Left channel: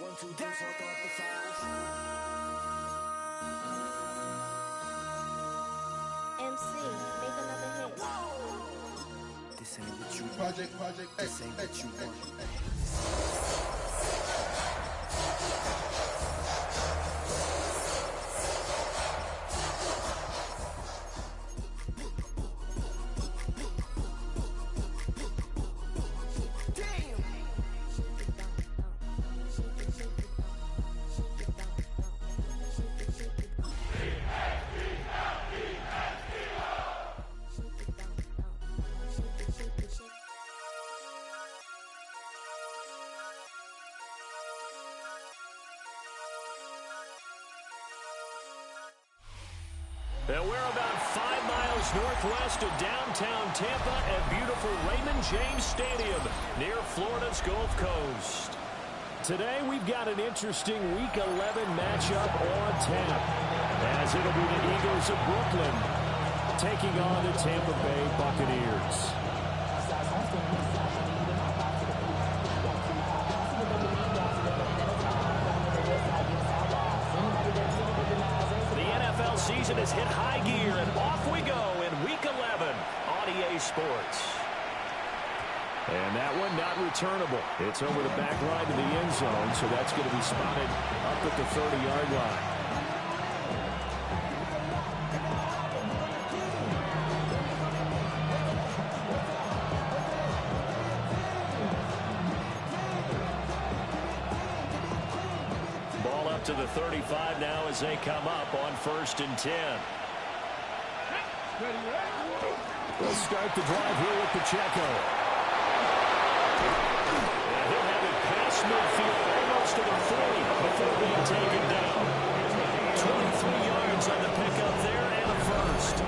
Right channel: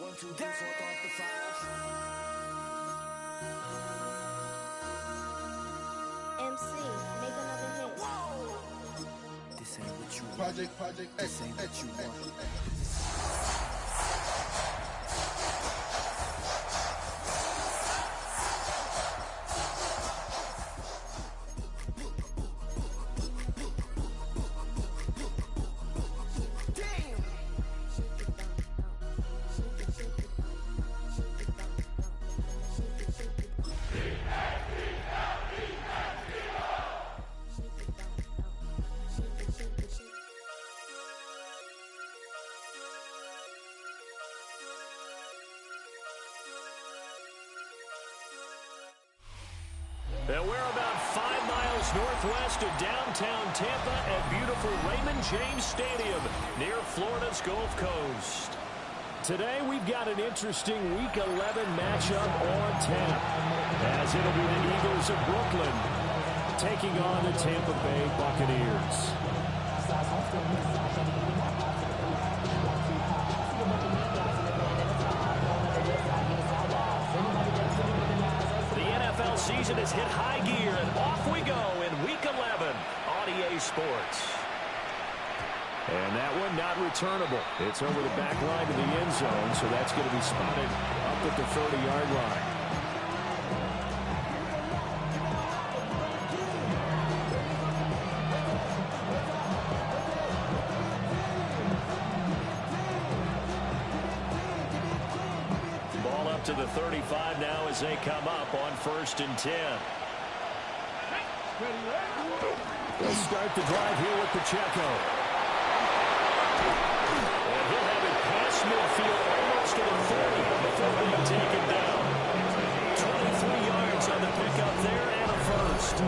1, 2, 3, 4, 5. MC, make another hit. Whoa. This ain't what you want. Project, This ain't what you want. And we're about 5 miles northwest of downtown Tampa at beautiful Raymond James Stadium near Florida's Gulf Coast. Today we've got an interesting Week 11 matchup on tap, as it'll be the Eagles of Brooklyn taking on the Tampa Bay Buccaneers. The NFL season has hit high gear, and off we go in Week 11 on EA Sports. And that one not returnable. It's over the back line to the end zone, so that's going to be spotted up at the 30-yard line. To the 35 now as they come up on 1st and 10. They'll start the drive here with Pacheco. And he'll have it past midfield almost to the 40 before being taken down. 23 yards on the pickup there and a first.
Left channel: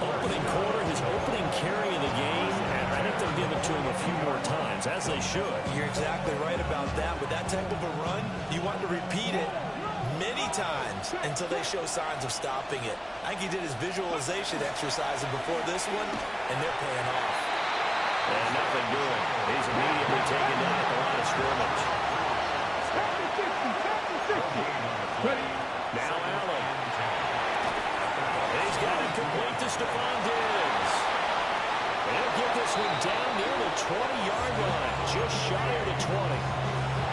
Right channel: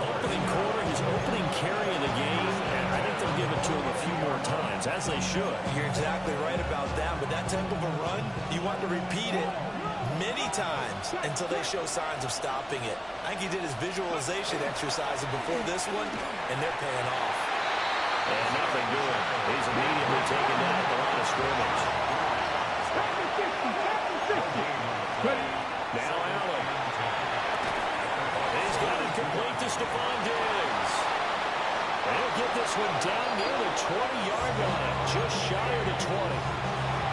Opening quarter, his opening carry of the game, and I think they'll give it to him a few more times, as they should. You're exactly right about that. With that type of a run, you want to repeat it many times until they show signs of stopping it. I think he did his visualization exercises before this one, and they're paying off. And nothing doing. He's immediately taken down at the line of scrimmage. Now Allen. He's got it complete to Stephon Diggs. And he'll get this one down near the 20-yard line, just shy of the 20.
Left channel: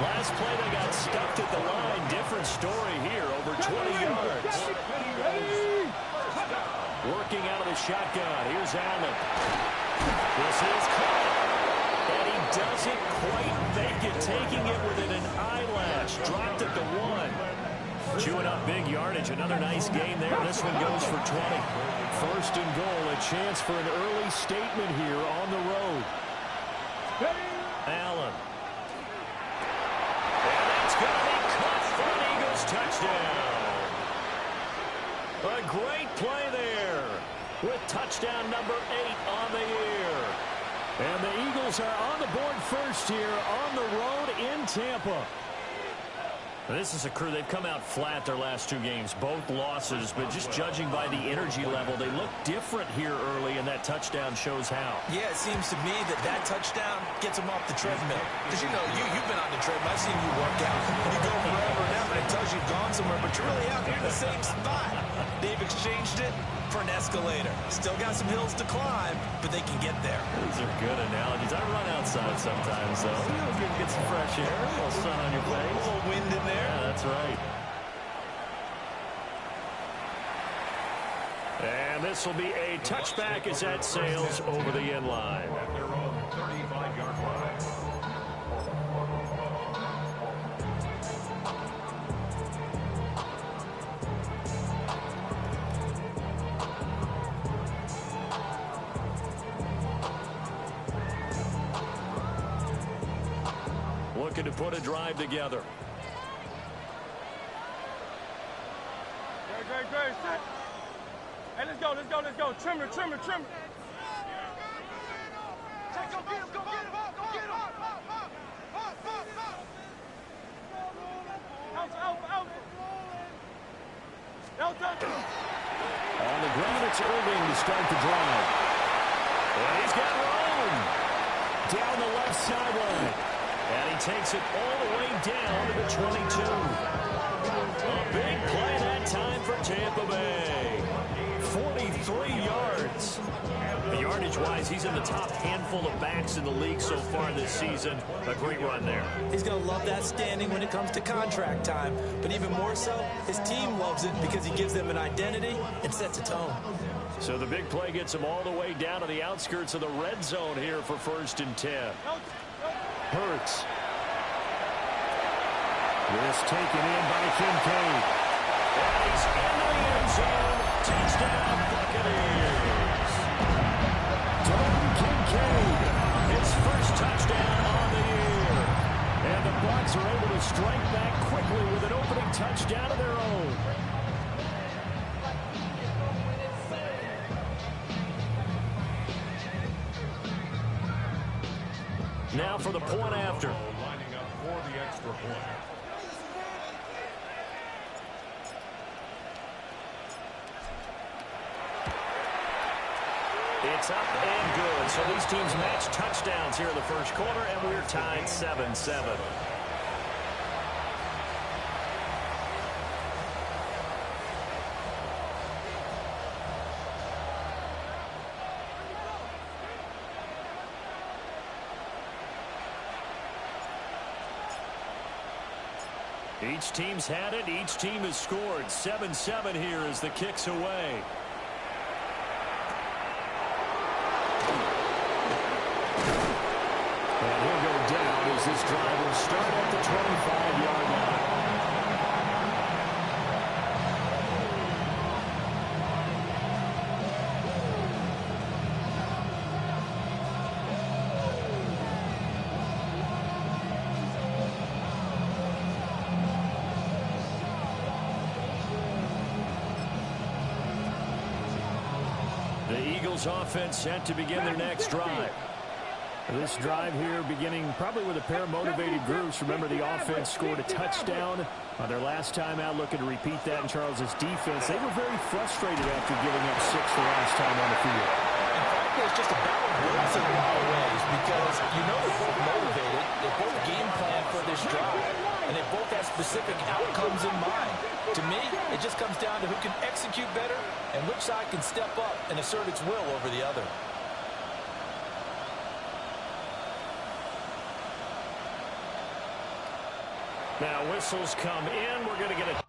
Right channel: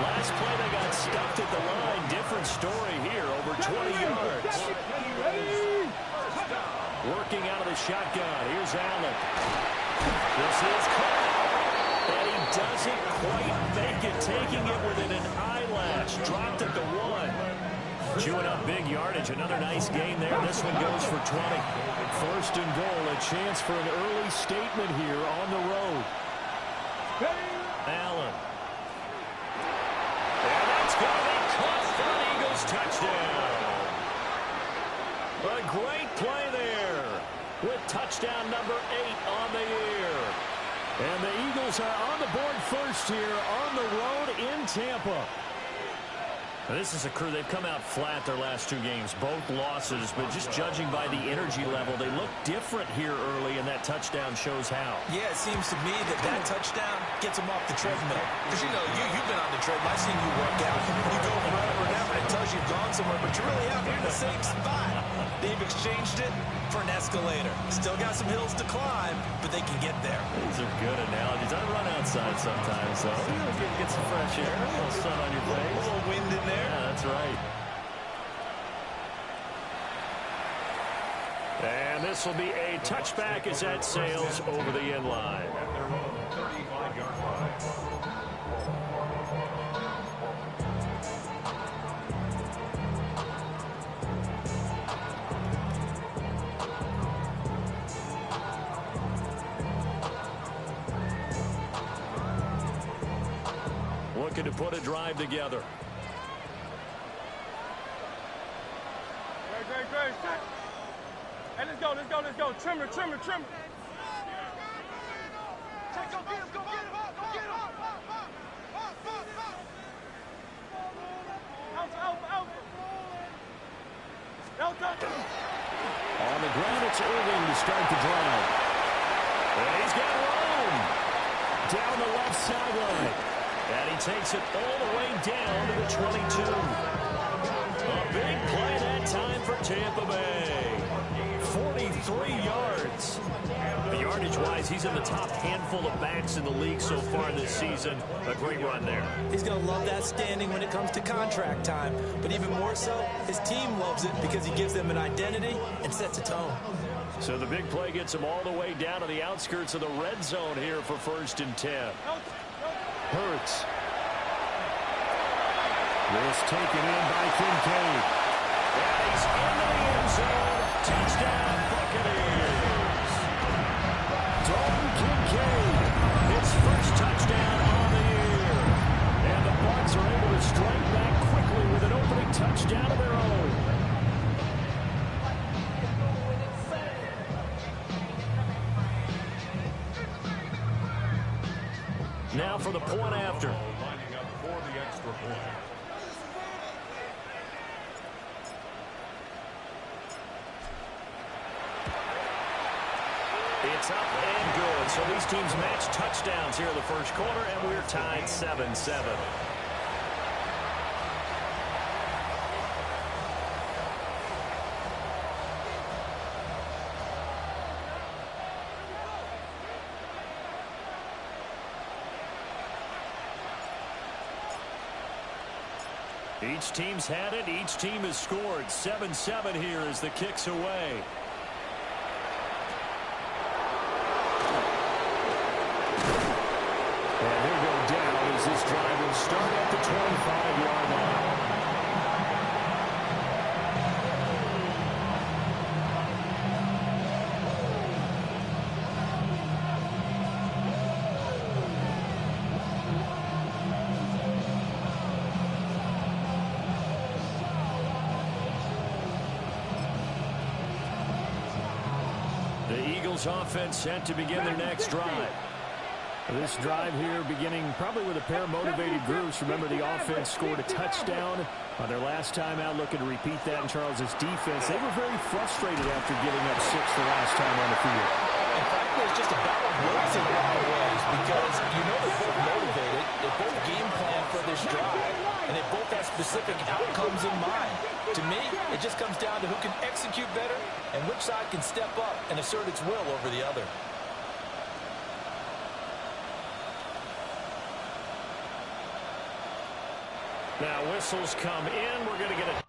Last play they got stuffed at the line. Different story here, over 20 yards. Working out of the shotgun. Here's Allen. This is caught. And he doesn't quite make it, taking it within an eyelash. Dropped at the 1. Chewing up big yardage. Another nice gain there. This one goes for 20. 1st and goal. A chance for an early statement here on the road. Allen. And that's going to be caught for an Eagles touchdown. A great play there with touchdown number 8 on the year. And the Eagles are on the board first here on the road in Tampa. This is a crew, they've come out flat their last 2 games, both losses, but just judging by the energy level, they look different here early, and that touchdown shows how. Yeah, it seems to me that touchdown gets them off the treadmill. Because, you know, you've been on the treadmill. I've seen you work out. You go forever and ever, and it tells you you've gone somewhere, but you're really out here in the same spot. They've exchanged it for an escalator. Still got some hills to climb, but they can get there. These are good analogies. I run outside sometimes, though. Get some fresh air, a little sun on your face. A little wind in there. Yeah, that's right. And this will be a touchback as that sails over the end line. At their own 35-yard line. Looking to put a drive together. Great. Hey, let's go. Trimmer. Check, go get him. Out. On the ground, it's Irving to start the drive. And he's got room down the left sideline. And he takes it all the way down to the 22. A big play that time for Tampa Bay. 43 yards. Yardage-wise, he's in the top handful of backs in the league so far this season. A great run there. He's going to love that standing when it comes to contract time. But even more so, his team loves it because he gives them an identity and sets a tone. So the big play gets him all the way down to the outskirts of the red zone here for 1st and 10. Hurts. This taken in by Kincaid. And he's into the end zone. Touchdown, Buccaneers. Dalton Kincaid, his first touchdown on the year. And the Bucs are able to strike back quickly with an opening touchdown of their own. Now for the point after. Lining up for the extra point. It's up and good. So these teams match touchdowns here in the first quarter, and we're tied 7-7. Each team's had it. Each team has scored. 7-7 here as the kick's away. And he'll go down as this drive will start at the 25-yard line. The Eagles offense set to begin their next drive. This drive here beginning probably with a pair of motivated groups. Remember, the offense scored a touchdown on their last time out, looking to repeat that in Charles's defense. They were very frustrated after giving up 6 the last time on the field. And frankly, it's just a battle of wills in a lot of ways because you know they're both motivated. They both game plan for this drive, and they both have specific outcomes in mind. To me, it just comes down to who can execute better and which side can step up and assert its will over the other. Now whistles come in. We're going to get a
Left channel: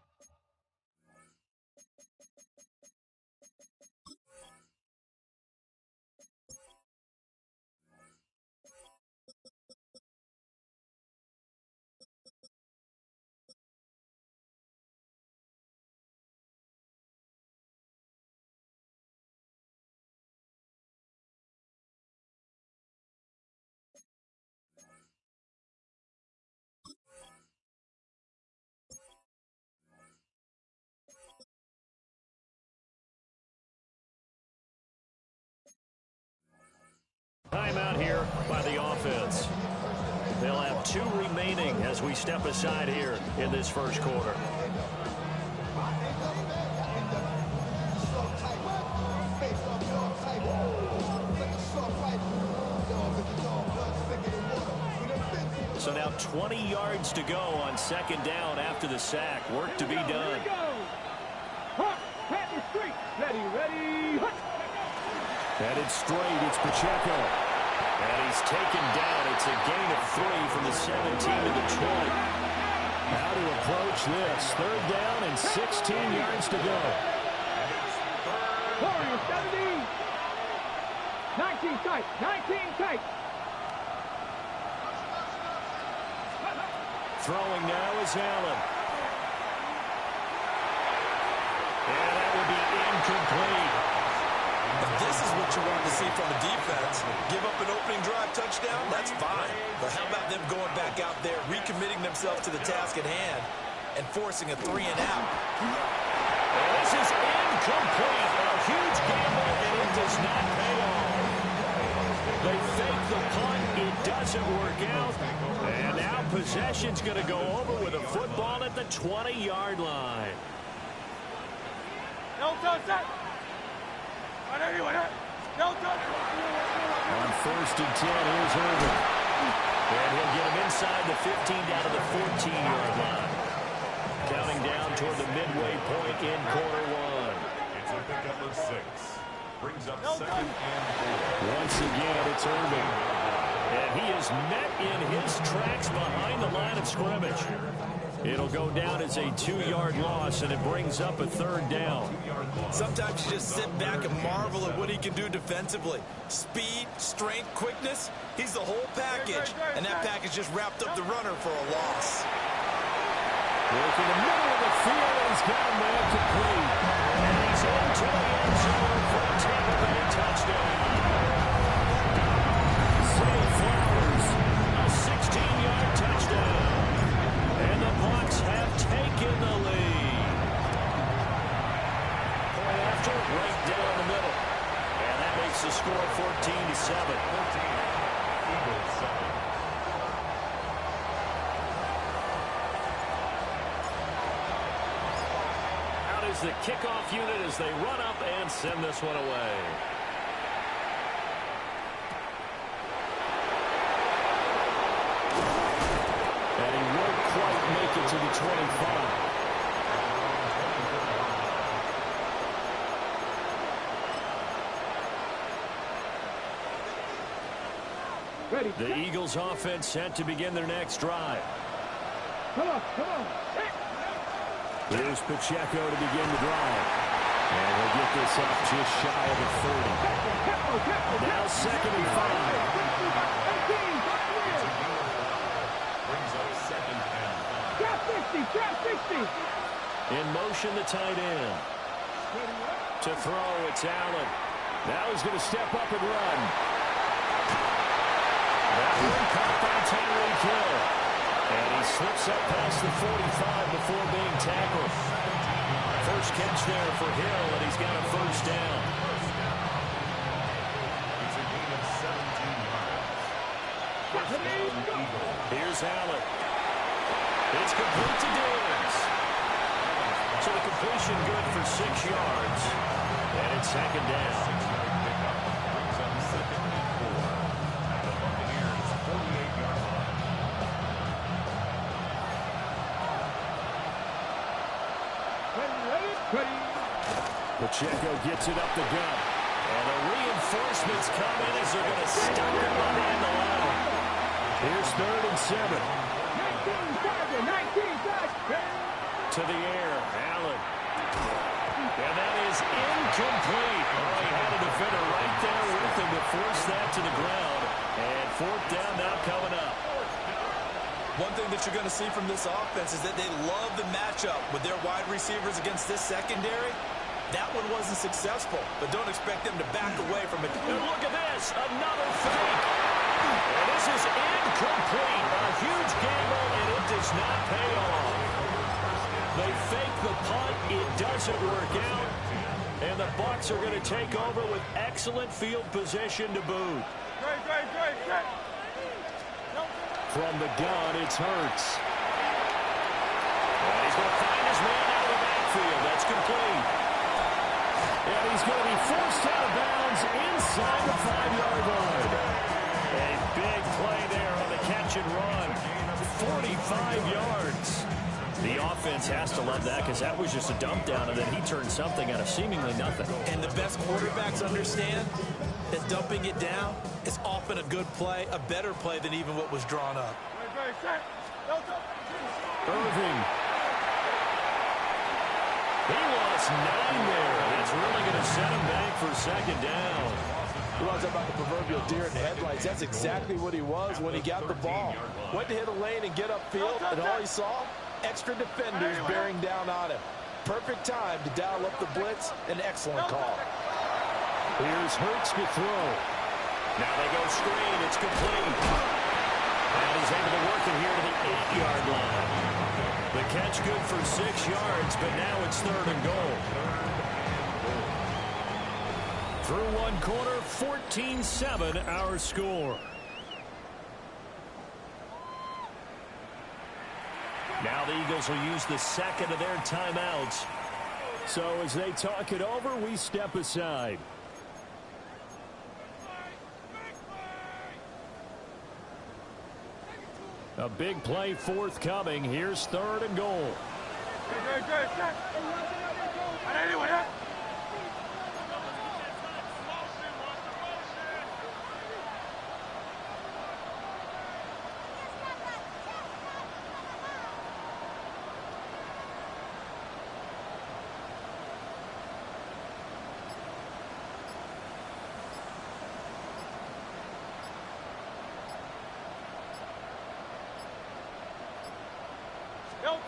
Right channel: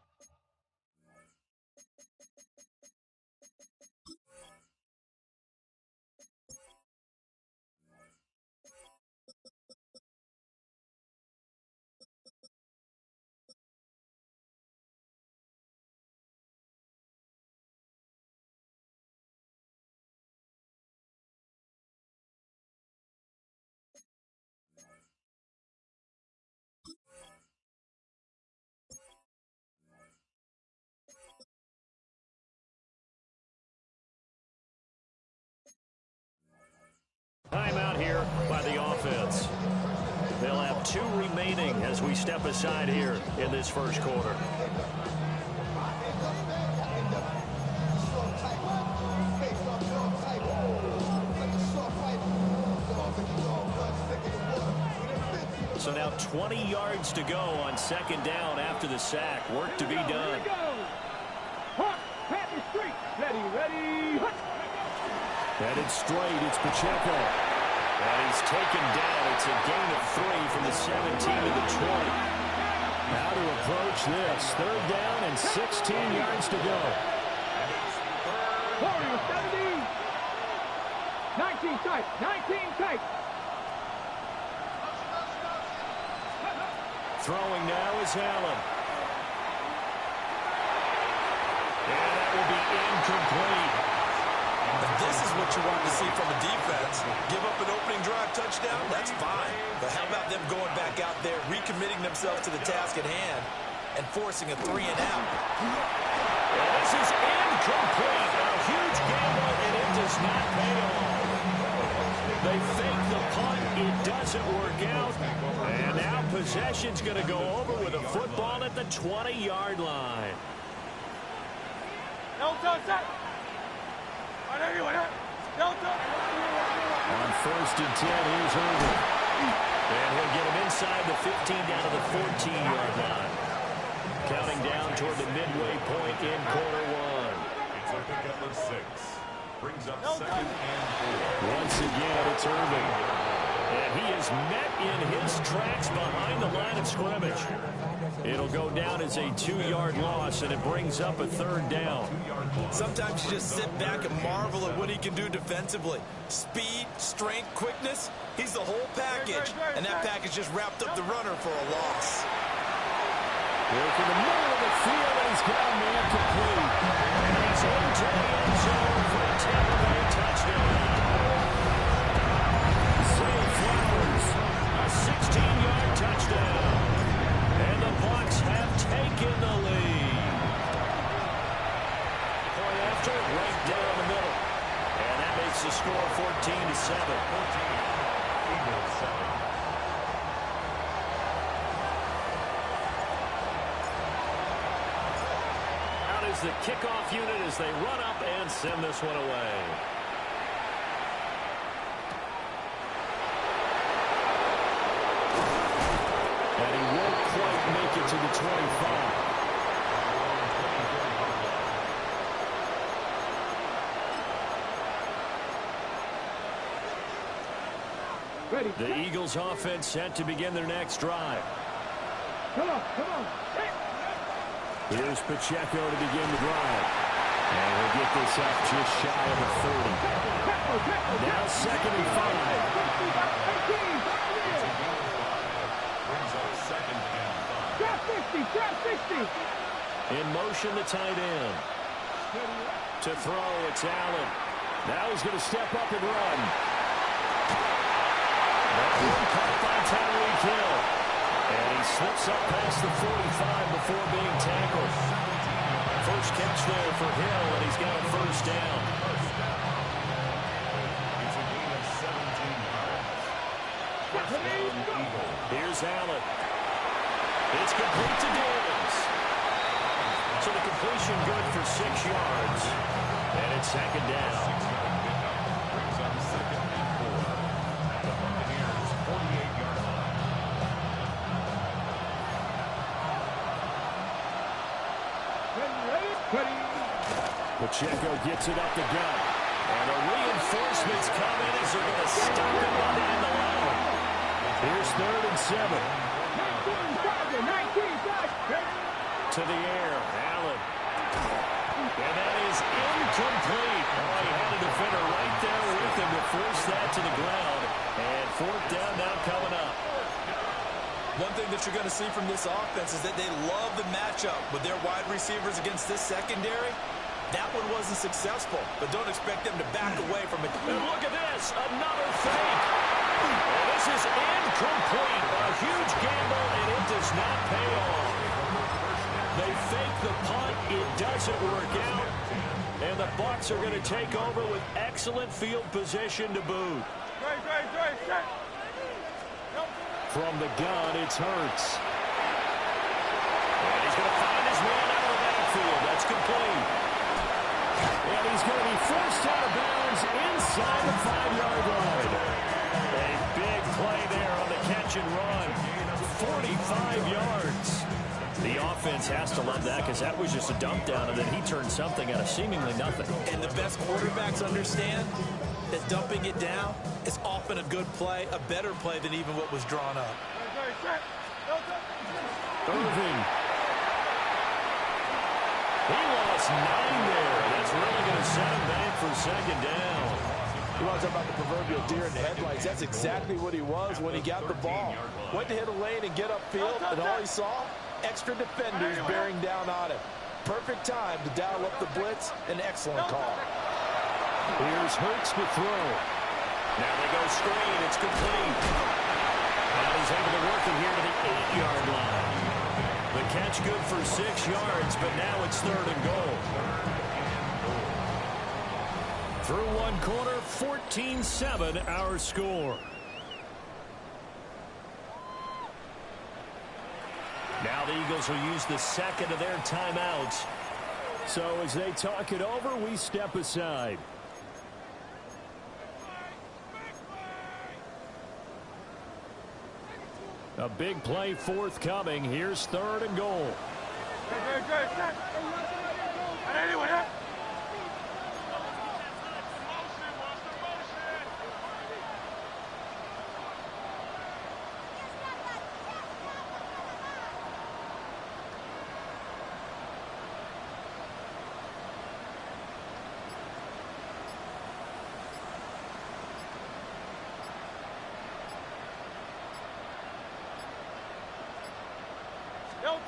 timeout here by the offense. They'll have 2 remaining as we step aside here in this first quarter. So now 20 yards to go on 2nd down after the sack. Work to be done. Headed straight, it's Pacheco. And he's taken down. It's a gain of 3 from the 17 to the 20. How to approach this. 3rd down and 16 yards to go. 17. 19 tight. 19 tight. Throwing now is Allen. And that will be incomplete. If this is what you want to see from a defense, give up an opening drive touchdown, that's fine. But how about them going back out there, recommitting themselves to the task at hand, and forcing a 3-and-out? And this is incomplete. A huge gamble, and it does not pay off. They fake the punt. It doesn't work out. And now possession's going to go over with a football at the 20-yard line. No touch that. On 1st and 10, here's Irvin. And he'll get him inside the 15 down to the 14-yard line. Counting down toward the midway point in quarter one. It's a pickup of 6. Brings up 2nd and 4. Once again, it's Irving. And he is met in his tracks behind the line of scrimmage. It'll go down as a 2-yard loss, and it brings up a 3rd down. Sometimes you just sit back and marvel at what he can do defensively. Speed, strength, quickness, he's the whole package. And that package just wrapped up the runner for a loss. Work in the middle of the field, and he's got a man complete. And he's into the end zone for a Tampa Bay touchdown. Zay Flowers, a 16-yard touchdown. And the Bucs have taken the lead. Point after, right down the middle. And that makes the score 14-7. 14. Eagles 7. Out is the kickoff unit as they run up and send this one away. And he won't quite make it to the 25. Ready. The Eagles offense set to begin their next drive. Come on, come on. Here's Pacheco to begin the drive. And he'll get this up just shy of the 30. Now 2nd and 5. Brings up 2nd and 5. Trap 60, trap 60. In motion, the tight end. To throw, it's Allen. Now he's going to step up and run. That one caught by Tyreek Hill. And he slips up past the 45 before being tackled. First catch there for Hill, and he's got a 1st down. It's a gain of 17 yards. 1st down, Eagles. Here's Allen. It's complete to Diggs. So the completion good for 6 yards. And it's 2nd down. 6-yard pickup. Brings up 2nd and 4. At the Buccaneers' 48-yard line. Ready. Pacheco gets it up the gut. And the reinforcements come in as they're going to stop him behind the line. Here's 3rd and 7. 19, To the air, Allen. And that is incomplete. Oh, he had a defender right there with him to force that to the ground. And 4th down now coming up. One thing that you're going to see from this offense is that they love the matchup with their wide receivers against this secondary. That one wasn't successful, but don't expect them to back away from it. And look at this, another fake. And this is incomplete. A huge gamble, and it does not pay off. They fake the punt. It doesn't work out. And the Bucs are going to take over with excellent field position to boot. Great. From the gun, it's Hurts. And he's going to find his man out of the backfield. That's complete. And he's going to be forced out of bounds inside the 5-yard line. A big play there on the catch and run. 45 yards. The offense has to love that because that was just a dump down, and then he turned something out of seemingly nothing. And the best quarterbacks understand that dumping it down is often a good play, a better play than even what was drawn up. Irving. He lost 9 there. That's really going to set him back for 2nd down. You want to talk about the proverbial deer in the headlights. That's exactly what he was when he got the ball. Went to hit a lane and get upfield, and all he saw, extra defenders bearing down on him. Perfect time to dial up the blitz. An excellent call. Here's Hurts to throw. Now they go screen. It's complete. And he's able to work it here to the 8-yard line. The catch good for 6 yards, but now it's 3rd and goal. Through one quarter, 14-7 our score. Now the Eagles will use the 2nd of their timeouts. So as they talk it over, we step aside. A big play forthcoming. Here's 3rd and goal. Good. Anyway,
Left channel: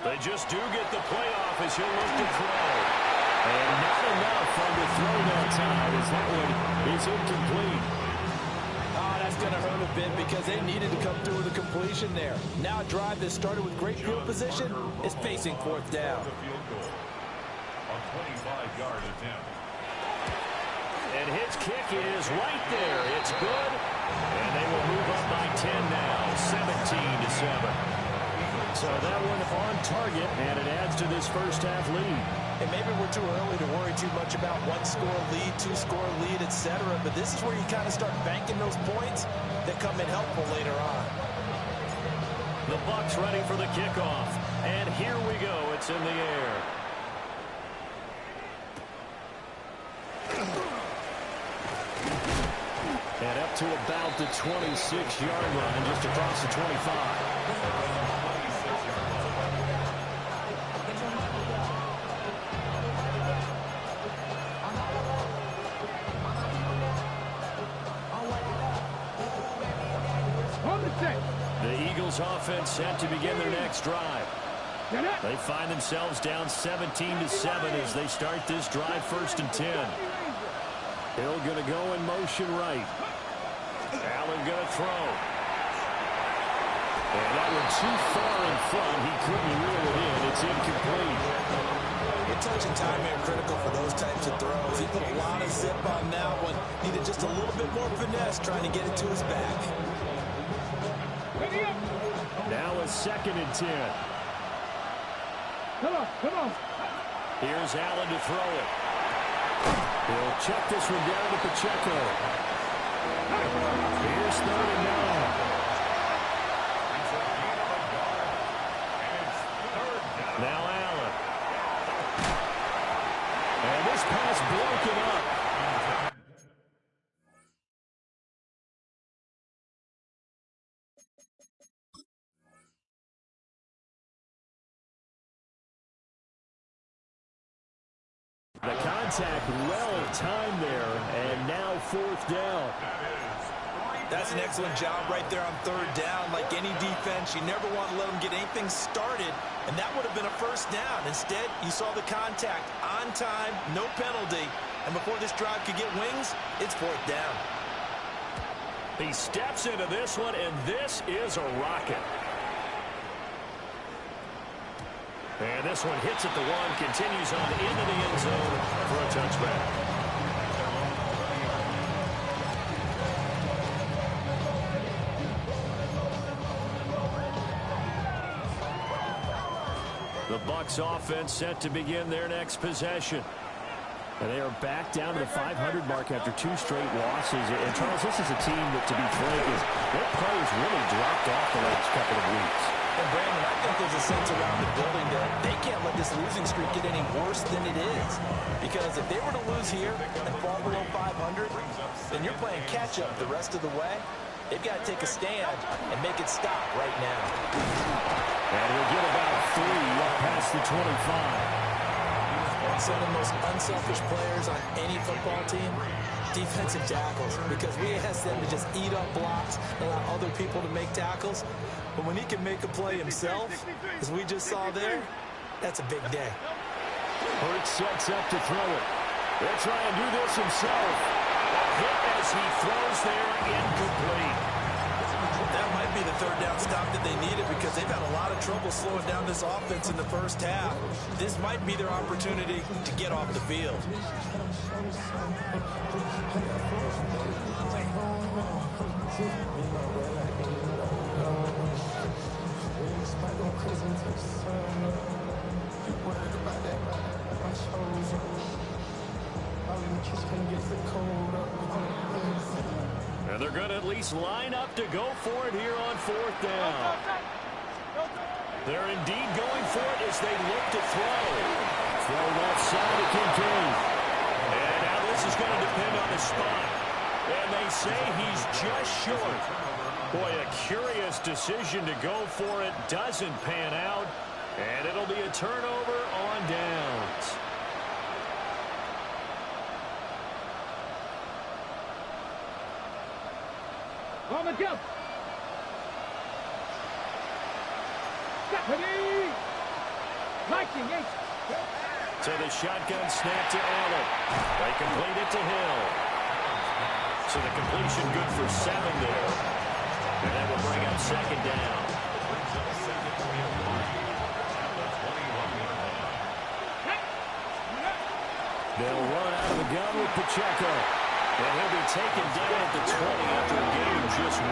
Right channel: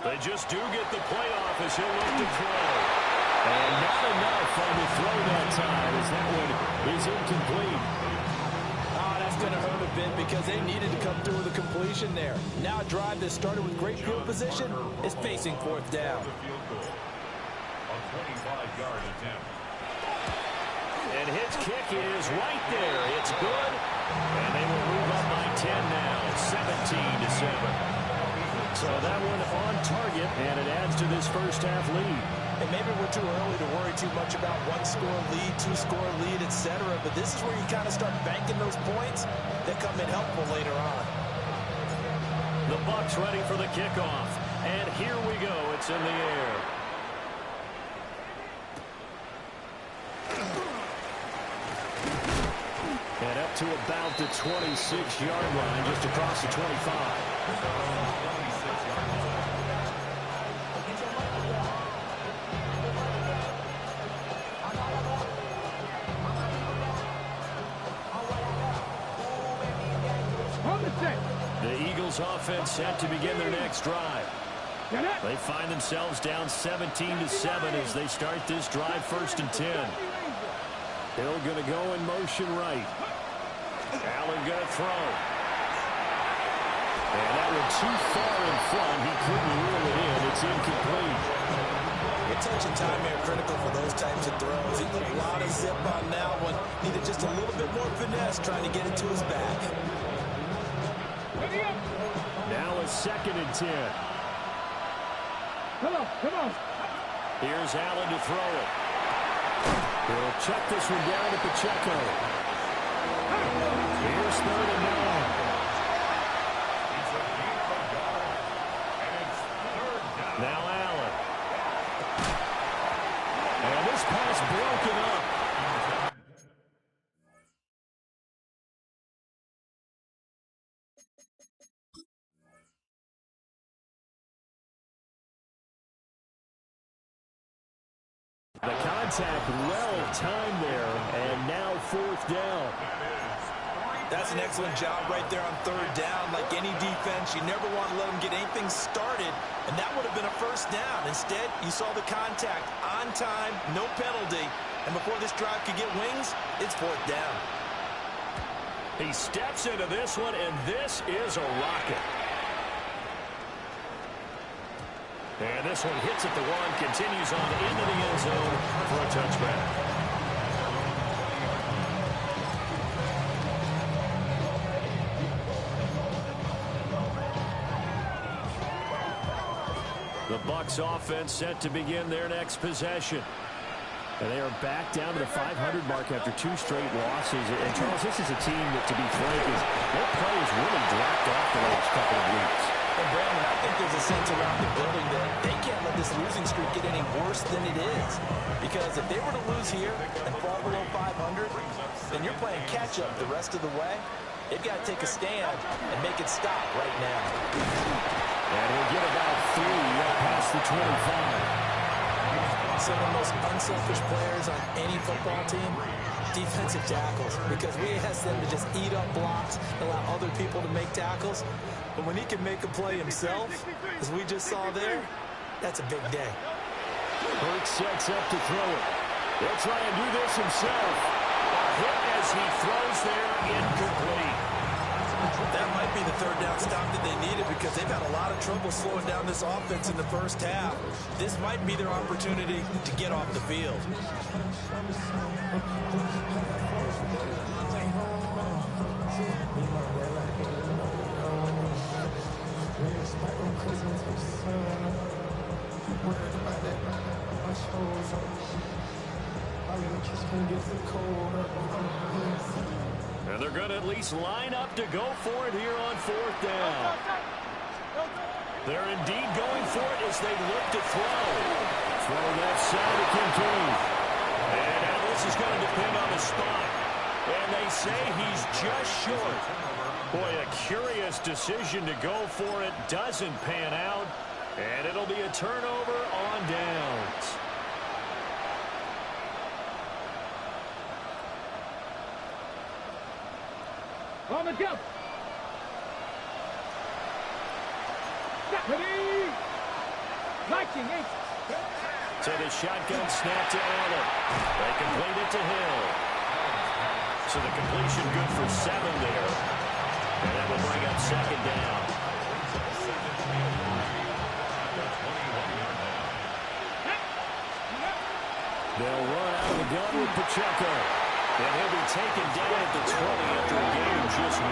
They just do get the playoff as he'll look to throw. And not enough on the throw that time as that one is incomplete. Oh, that's going to hurt a bit because they needed to come through with a completion there. Now a drive that started with great field position is facing 4th down. A 25-yard attempt. And his kick is right there. It's good. And they will move up by 10 now, 17-7. So that one on target, and it adds to this first half lead. And maybe we're too early to worry too much about 1-score lead, 2-score lead, etc. But this is where you kind of start banking those points that come in helpful later on. The Bucs ready for the kickoff. And here we go. It's in the air. And up to about the 26-yard line, just across the 25. The Eagles offense set to begin their next drive. They find themselves down 17-7 as they start this drive 1st and 10. Hill going to go in motion right. Allen going to throw. And that one too far in front. He couldn't reel it in. It's incomplete. Good touch and time here critical for those types of throws. He put a lot of zip on that one. Needed just a little bit more finesse trying to get it to his back. Now a 2nd and 10. Come on. Here's Allen to throw it. He'll check this one down to Pacheco. Here's 3rd and 9. It's a gain of a yard. And it's 3rd down. Now Allen. And this pass broken up. The contact well timed there, and now 4th down. That's an excellent job right there on 3rd down. Like any defense, you never want to let them get anything started, and that would have been a 1st down. Instead, you saw the contact on time, no penalty, and before this drive could get wings, it's 4th down. He steps into this one, and this is a rocket. And this one hits at the 1, continues on into the end zone for a touchback. The Bucs offense set to begin their next possession. And they are back down to the 500 mark after 2 straight losses. And, Charles, this is a team that, to be frank, their play has really dropped off the last couple of weeks. And, Brandon, I think there's a sense around the building that they can't let this losing streak get any worse than it is. Because if they were to lose here and fall below 500, then you're playing catch-up the rest of the way. They've got to take a stand and make it stop right now. And he'll get about 3 up past the 25. Some of the most unselfish players on any football team, defensive tackles, because we ask them to just eat up blocks, allow other people to make tackles. But when he can make a play himself, as we just saw there, that's a big day. Hurts sets up to throw it. He'll try and do this himself. A hit as he throws there, incomplete. That might be the 3rd down stop that they needed because they've had a lot of trouble slowing down this offense in the first half. This might be their opportunity to get off the field. And they're going to at least line up to go for it here on 4th down. They're indeed going for it as they look to throw. Throw left side to Kincaid. And now this is going to depend on the spot. And they say he's just short. Boy, a curious decision to go for it. Doesn't pan out. And it'll be a turnover on downs. On the jump. Ready. Lighting eight. So the shotgun snap to Allen. They complete it to Hill. So the completion good for 7 there. And that will bring up second down. They'll run out of the gun with Pacheco. And he'll be taken down at the 20 after a gain of just 1.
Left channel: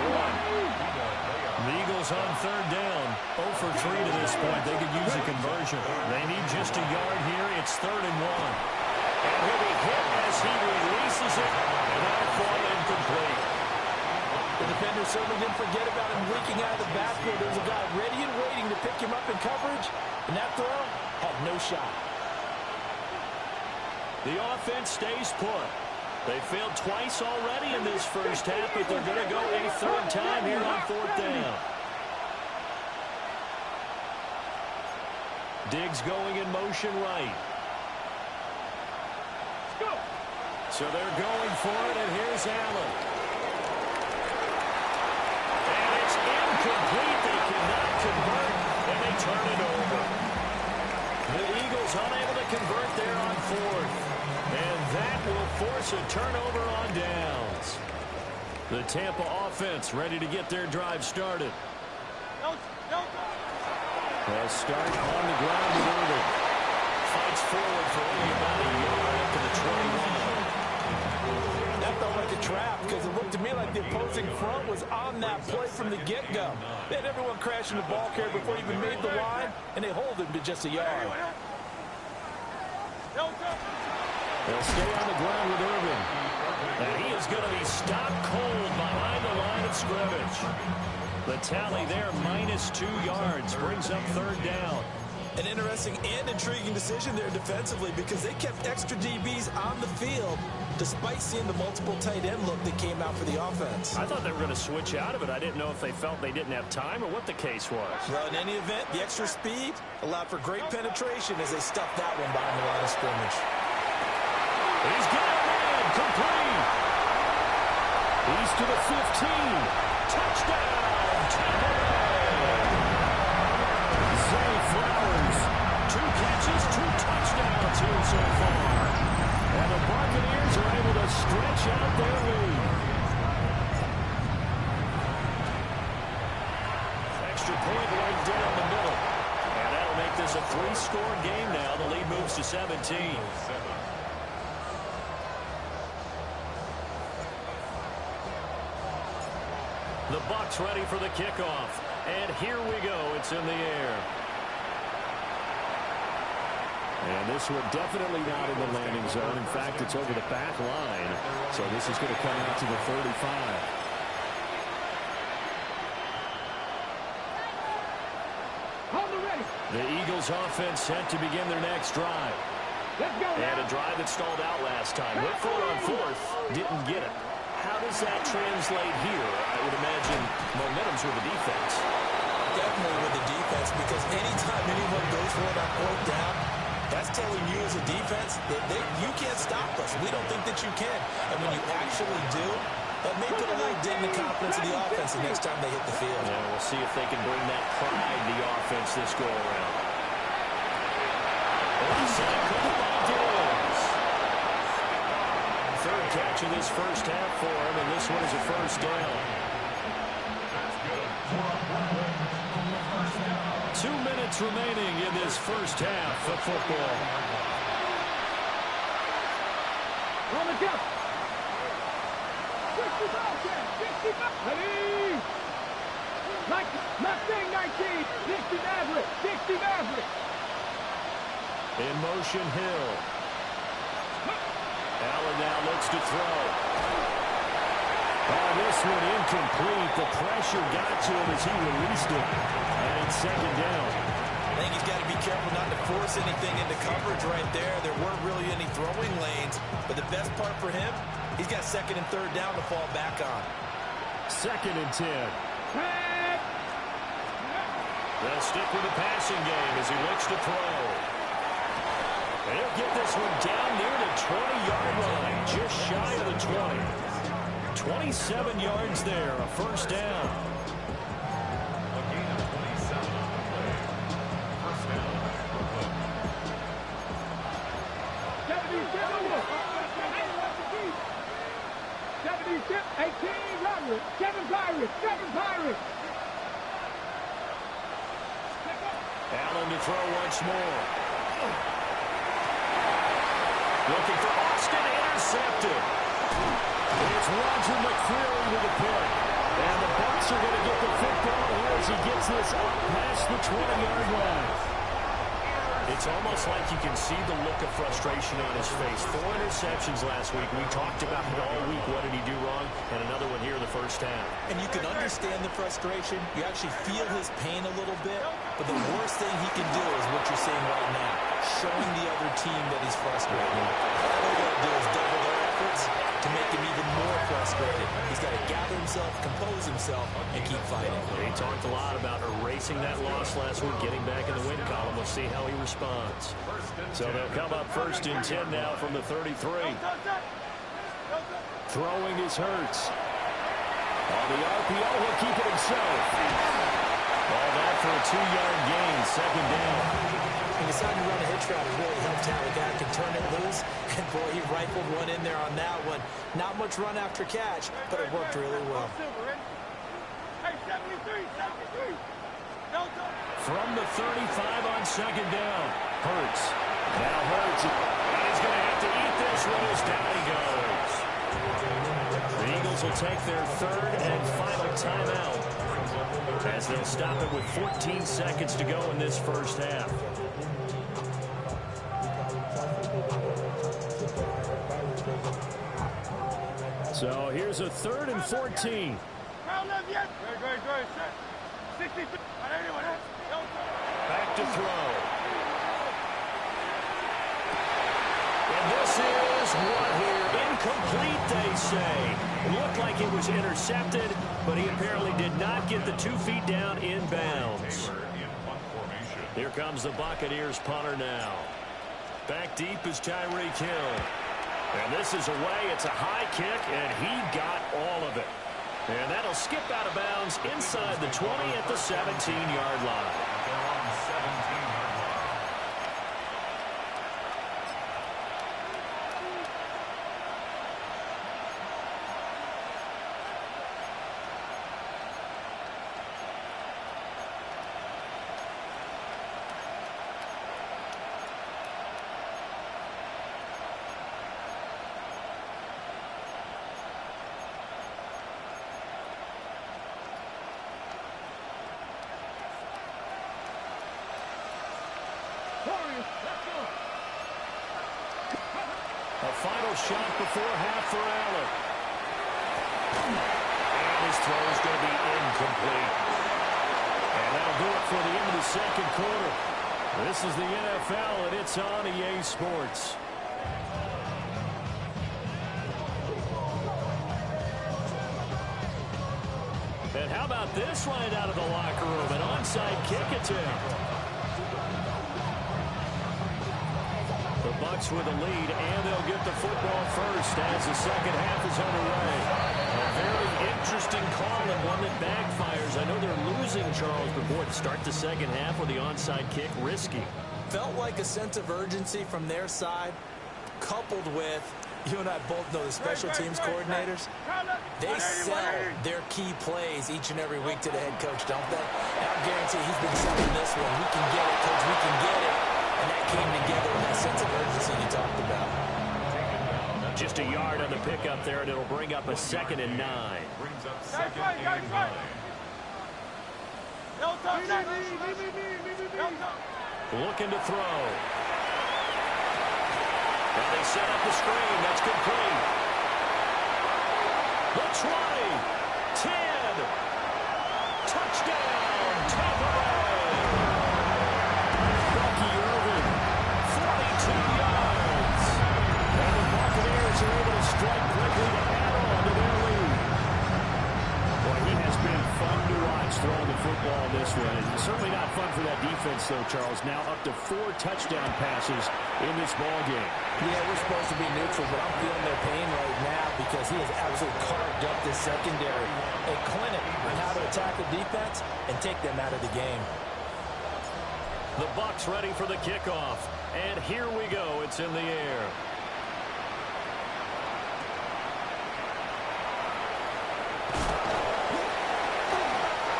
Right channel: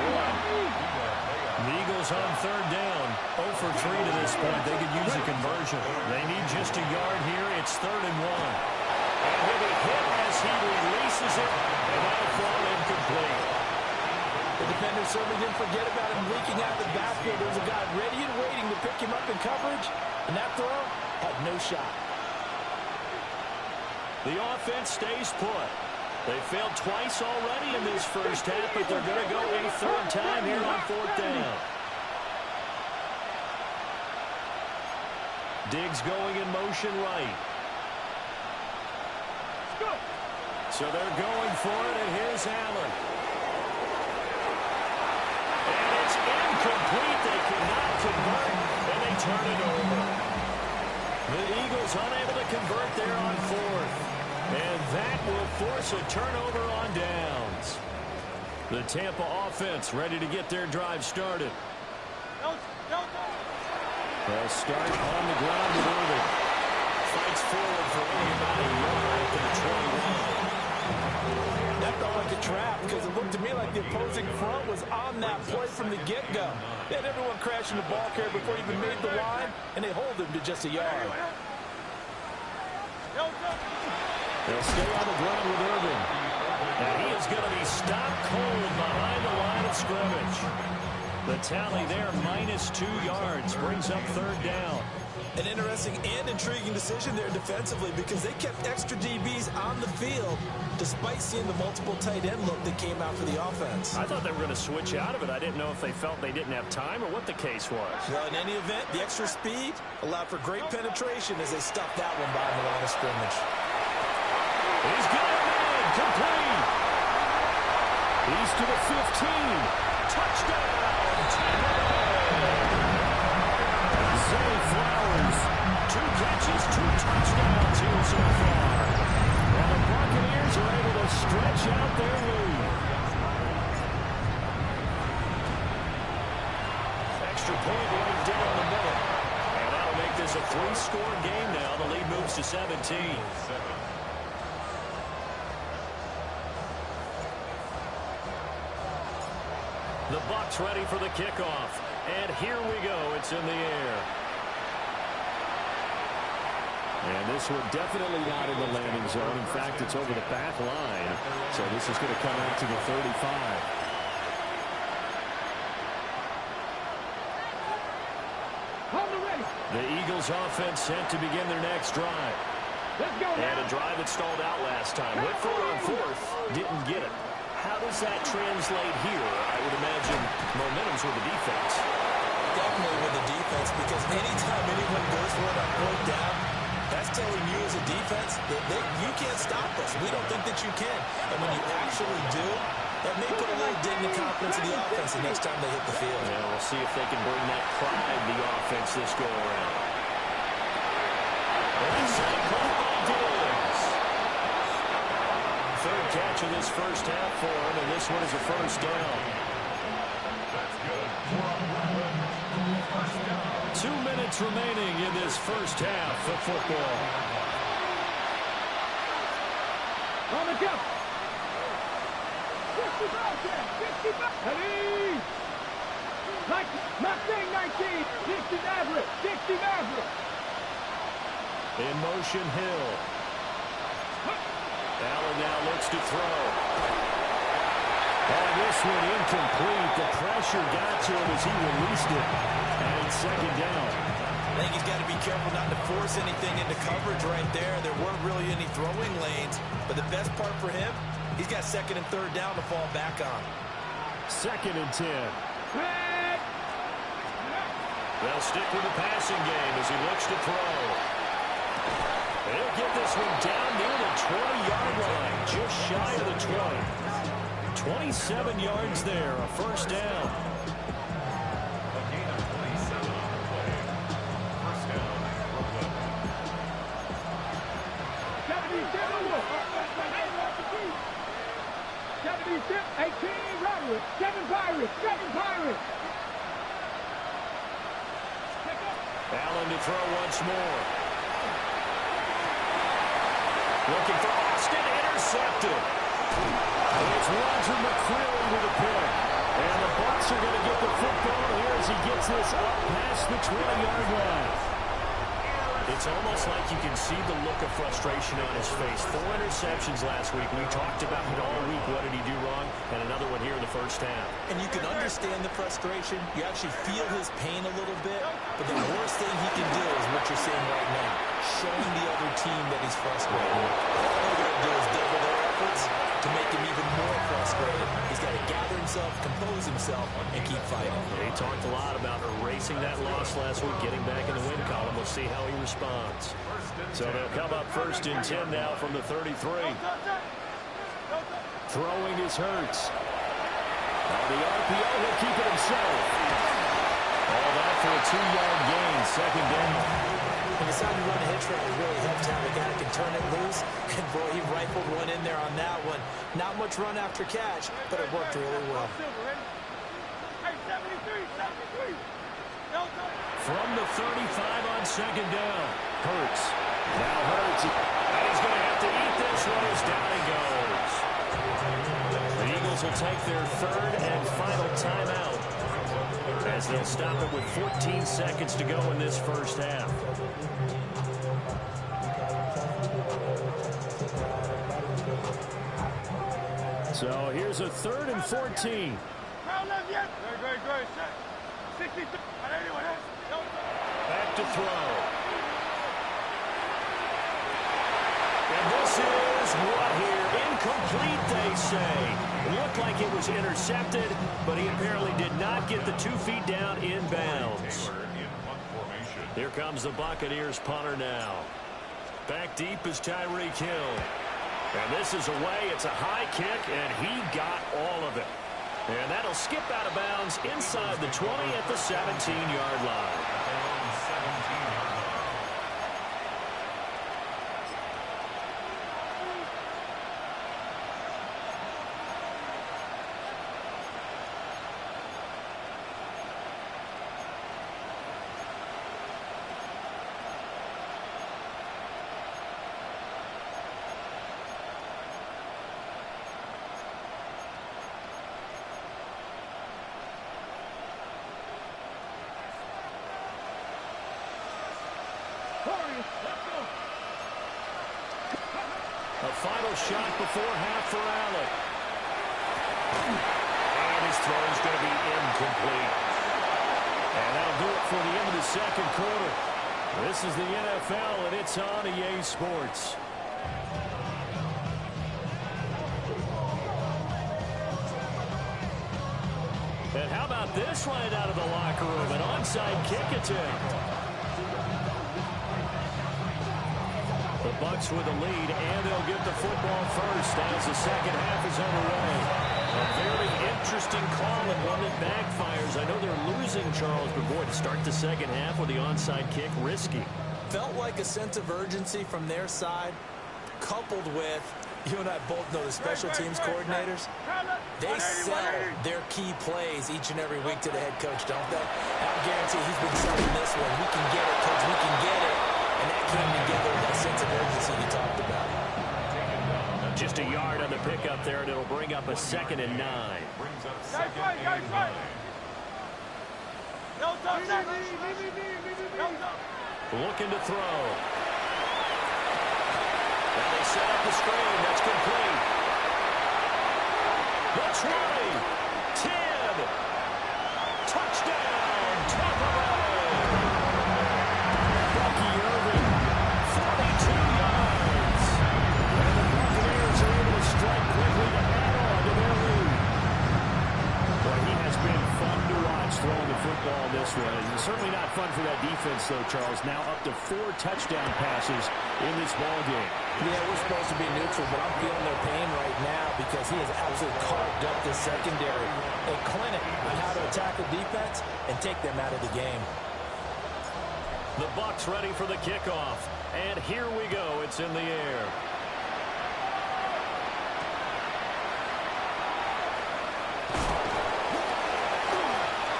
The Eagles on third down. 0 for 3 to this point. They could use a conversion. They need just a yard here. It's 3rd and 1. And he'll be hit as he releases it. And that'll fall incomplete. The defender certainly didn't forget about him leaking out of the backfield. There was a guy ready and waiting to pick him up in coverage. And that throw had no shot. The offense stays put. They failed twice already in this first half, but they're going to go a 3rd time here on 4th down. Diggs going in motion right. So they're going for it, and here's Allen. And it's incomplete. They cannot convert, and they turn it over. The Eagles unable to convert there on 4th. And that will force a turnover on downs. The Tampa offense ready to get their drive started. They'll start on the ground with Irving. Fights forward for only about a yard up to the 21. That felt like a trap because it looked to me like the opposing front was on that play from the get-go. They had everyone crashing the ball carrier before he even made the line, and they hold him to just a yard. They'll stay on the ground with Irving. And he is going to be stopped cold behind the line of scrimmage. The tally there, -2 yards, brings up 3rd down. An interesting and intriguing decision there defensively because they kept extra DBs on the field despite seeing the multiple tight end look that came out for the offense. I thought they were going to switch out of it. I didn't know if they felt they didn't have time or what the case was. Well, in any event, the extra speed allowed for great penetration as they stuffed that one behind the line of scrimmage. He's got a man, complete. He's to the 15. Touchdown, Tampa Bay. Zay Flowers, 2 catches, 2 touchdowns here so far. And the Buccaneers are able to stretch out their lead. Extra point right down the middle. And that'll make this a 3-score game now. The lead moves to 17. The Bucs ready for the kickoff. And here we go. It's in the air. And this one definitely not in the landing zone. In fact, it's over the back line. So this is going to come out to the 35. Hold the ready. The Eagles offense set to begin their next drive. Let's go now. And a drive that stalled out last time. Went for it on 4th. Didn't get it. How does that translate here? I would imagine momentum's with the defense. Definitely with the defense because anytime anyone goes for it on 4th down, that's telling you as a defense that you can't stop us. We don't think that you can. And when you actually do, that may put a little dent in the confidence of the offense the next time they hit the field. Yeah, we'll see if they can bring that pride to the offense this go-around. Left side caught by Diggs. 3rd catch of this first half for him, and this one is a 1st down. 2 minutes remaining in this first half of football. On the jump. 65. Ready. Like Mustang 19. 60 Maverick. 60 Maverick. In motion, Hill. Allen now looks to throw. Oh, this one incomplete. The pressure got to him as he released it. And it's second down. I think he's got to be careful not to force anything into coverage right there. There weren't really any throwing lanes. But the best part for him, he's got second and third down to fall back on. Second and 10. They'll stick with the passing game as he looks to throw. He'll get this one down near the 20-yard line, just shy of the 20. 27 yards there, a first down. A gain of 27 on the play. First down, Brooklyn. 18, Robert. Kevin Pirates. Allen to throw once more. Looking for Austin, intercepted. It's Roger McCreary with the pick. And the Bucs are going to get the football here as he gets this up past the 20-yard line. It's almost like you can see the look of frustration on his face. 4 interceptions last week. We talked about it all week. What did he do wrong? And another one here in the first half. And you can understand the frustration. You actually feel his pain a little bit. But the worst thing he can do is what you're seeing right now, showing the other team that he's frustrated. All they're going to do is double their efforts to make him even more frustrated. He's got to gather himself, compose himself, and keep fighting. He talked a lot about erasing that loss last week, getting back in the win column. We'll see how he responds. So they'll come up first and 10 now from the 33. Throwing is Hurts. On the RPO, he'll keep it himself. All that for a 2-yard gain, second down. He decided to run a hitch route. It really helps to have a guy that can turn it loose. And, boy, he rifled one in there on that one. Not much run after catch, but it worked really well. Hey, 73. From the 35 on second down. Hurts. Now Hurts. And he's going to have to eat this one as down he goes. The Eagles will take their third and final timeout as they'll stop it with 14 seconds to go in this first half. So here's a 3rd and 14. Crowd left yet? Great. 63. Back to throw. And this is what here? Incomplete, they say. It looked like it was intercepted, but he apparently did not get the 2 feet down in bounds. Here comes the Buccaneers punter now. Back deep is Tyreek Hill. And this is away. It's a high kick, and he got all of it. And that'll skip out of bounds inside the 20 at the 17-yard line. At their own 17-yard line. A final shot before half for Allen. And his throw is going to be incomplete. And that'll do it for the end of the second quarter. This is the NFL, and it's on EA Sports. And how about this right out of the locker room? An onside kick attempt. The Bucs with a lead, and they'll get the football first as the second half is underway. A very interesting call and one that backfires. I know they're losing, Charles, but boy, to start the second half with the onside kick, risky. Felt like a sense of urgency from their side, coupled with, you and I both know the special teams coordinators, they sell their key plays each and every week to the head coach, don't they? And I guarantee he's been selling this one. We can get it, coach, we can get it. And that came together with that sense of urgency you talked about. Just a yard on the pickup there, and it'll bring up a 2nd and 9. Brings up 2nd and 9. Looking to throw. Now they set up the screen. That's complete. The 20, 10. Touchdown, Tampa Bay. Bucky Irving, 42 yards. And the Buccaneers are able to strike quickly to add on to their lead. Boy, he has been fun to watch throwing the football this way. It's certainly not fun for that defense, though, Charles. Now up to 4 touchdown passes in this ball game. Yeah, we're supposed to be neutral, but I'm feeling their pain right now because he has absolutely carved up this secondary. A clinic on how to attack the defense and take them out of the game. The Bucs ready for the kickoff. And here we go. It's in the air.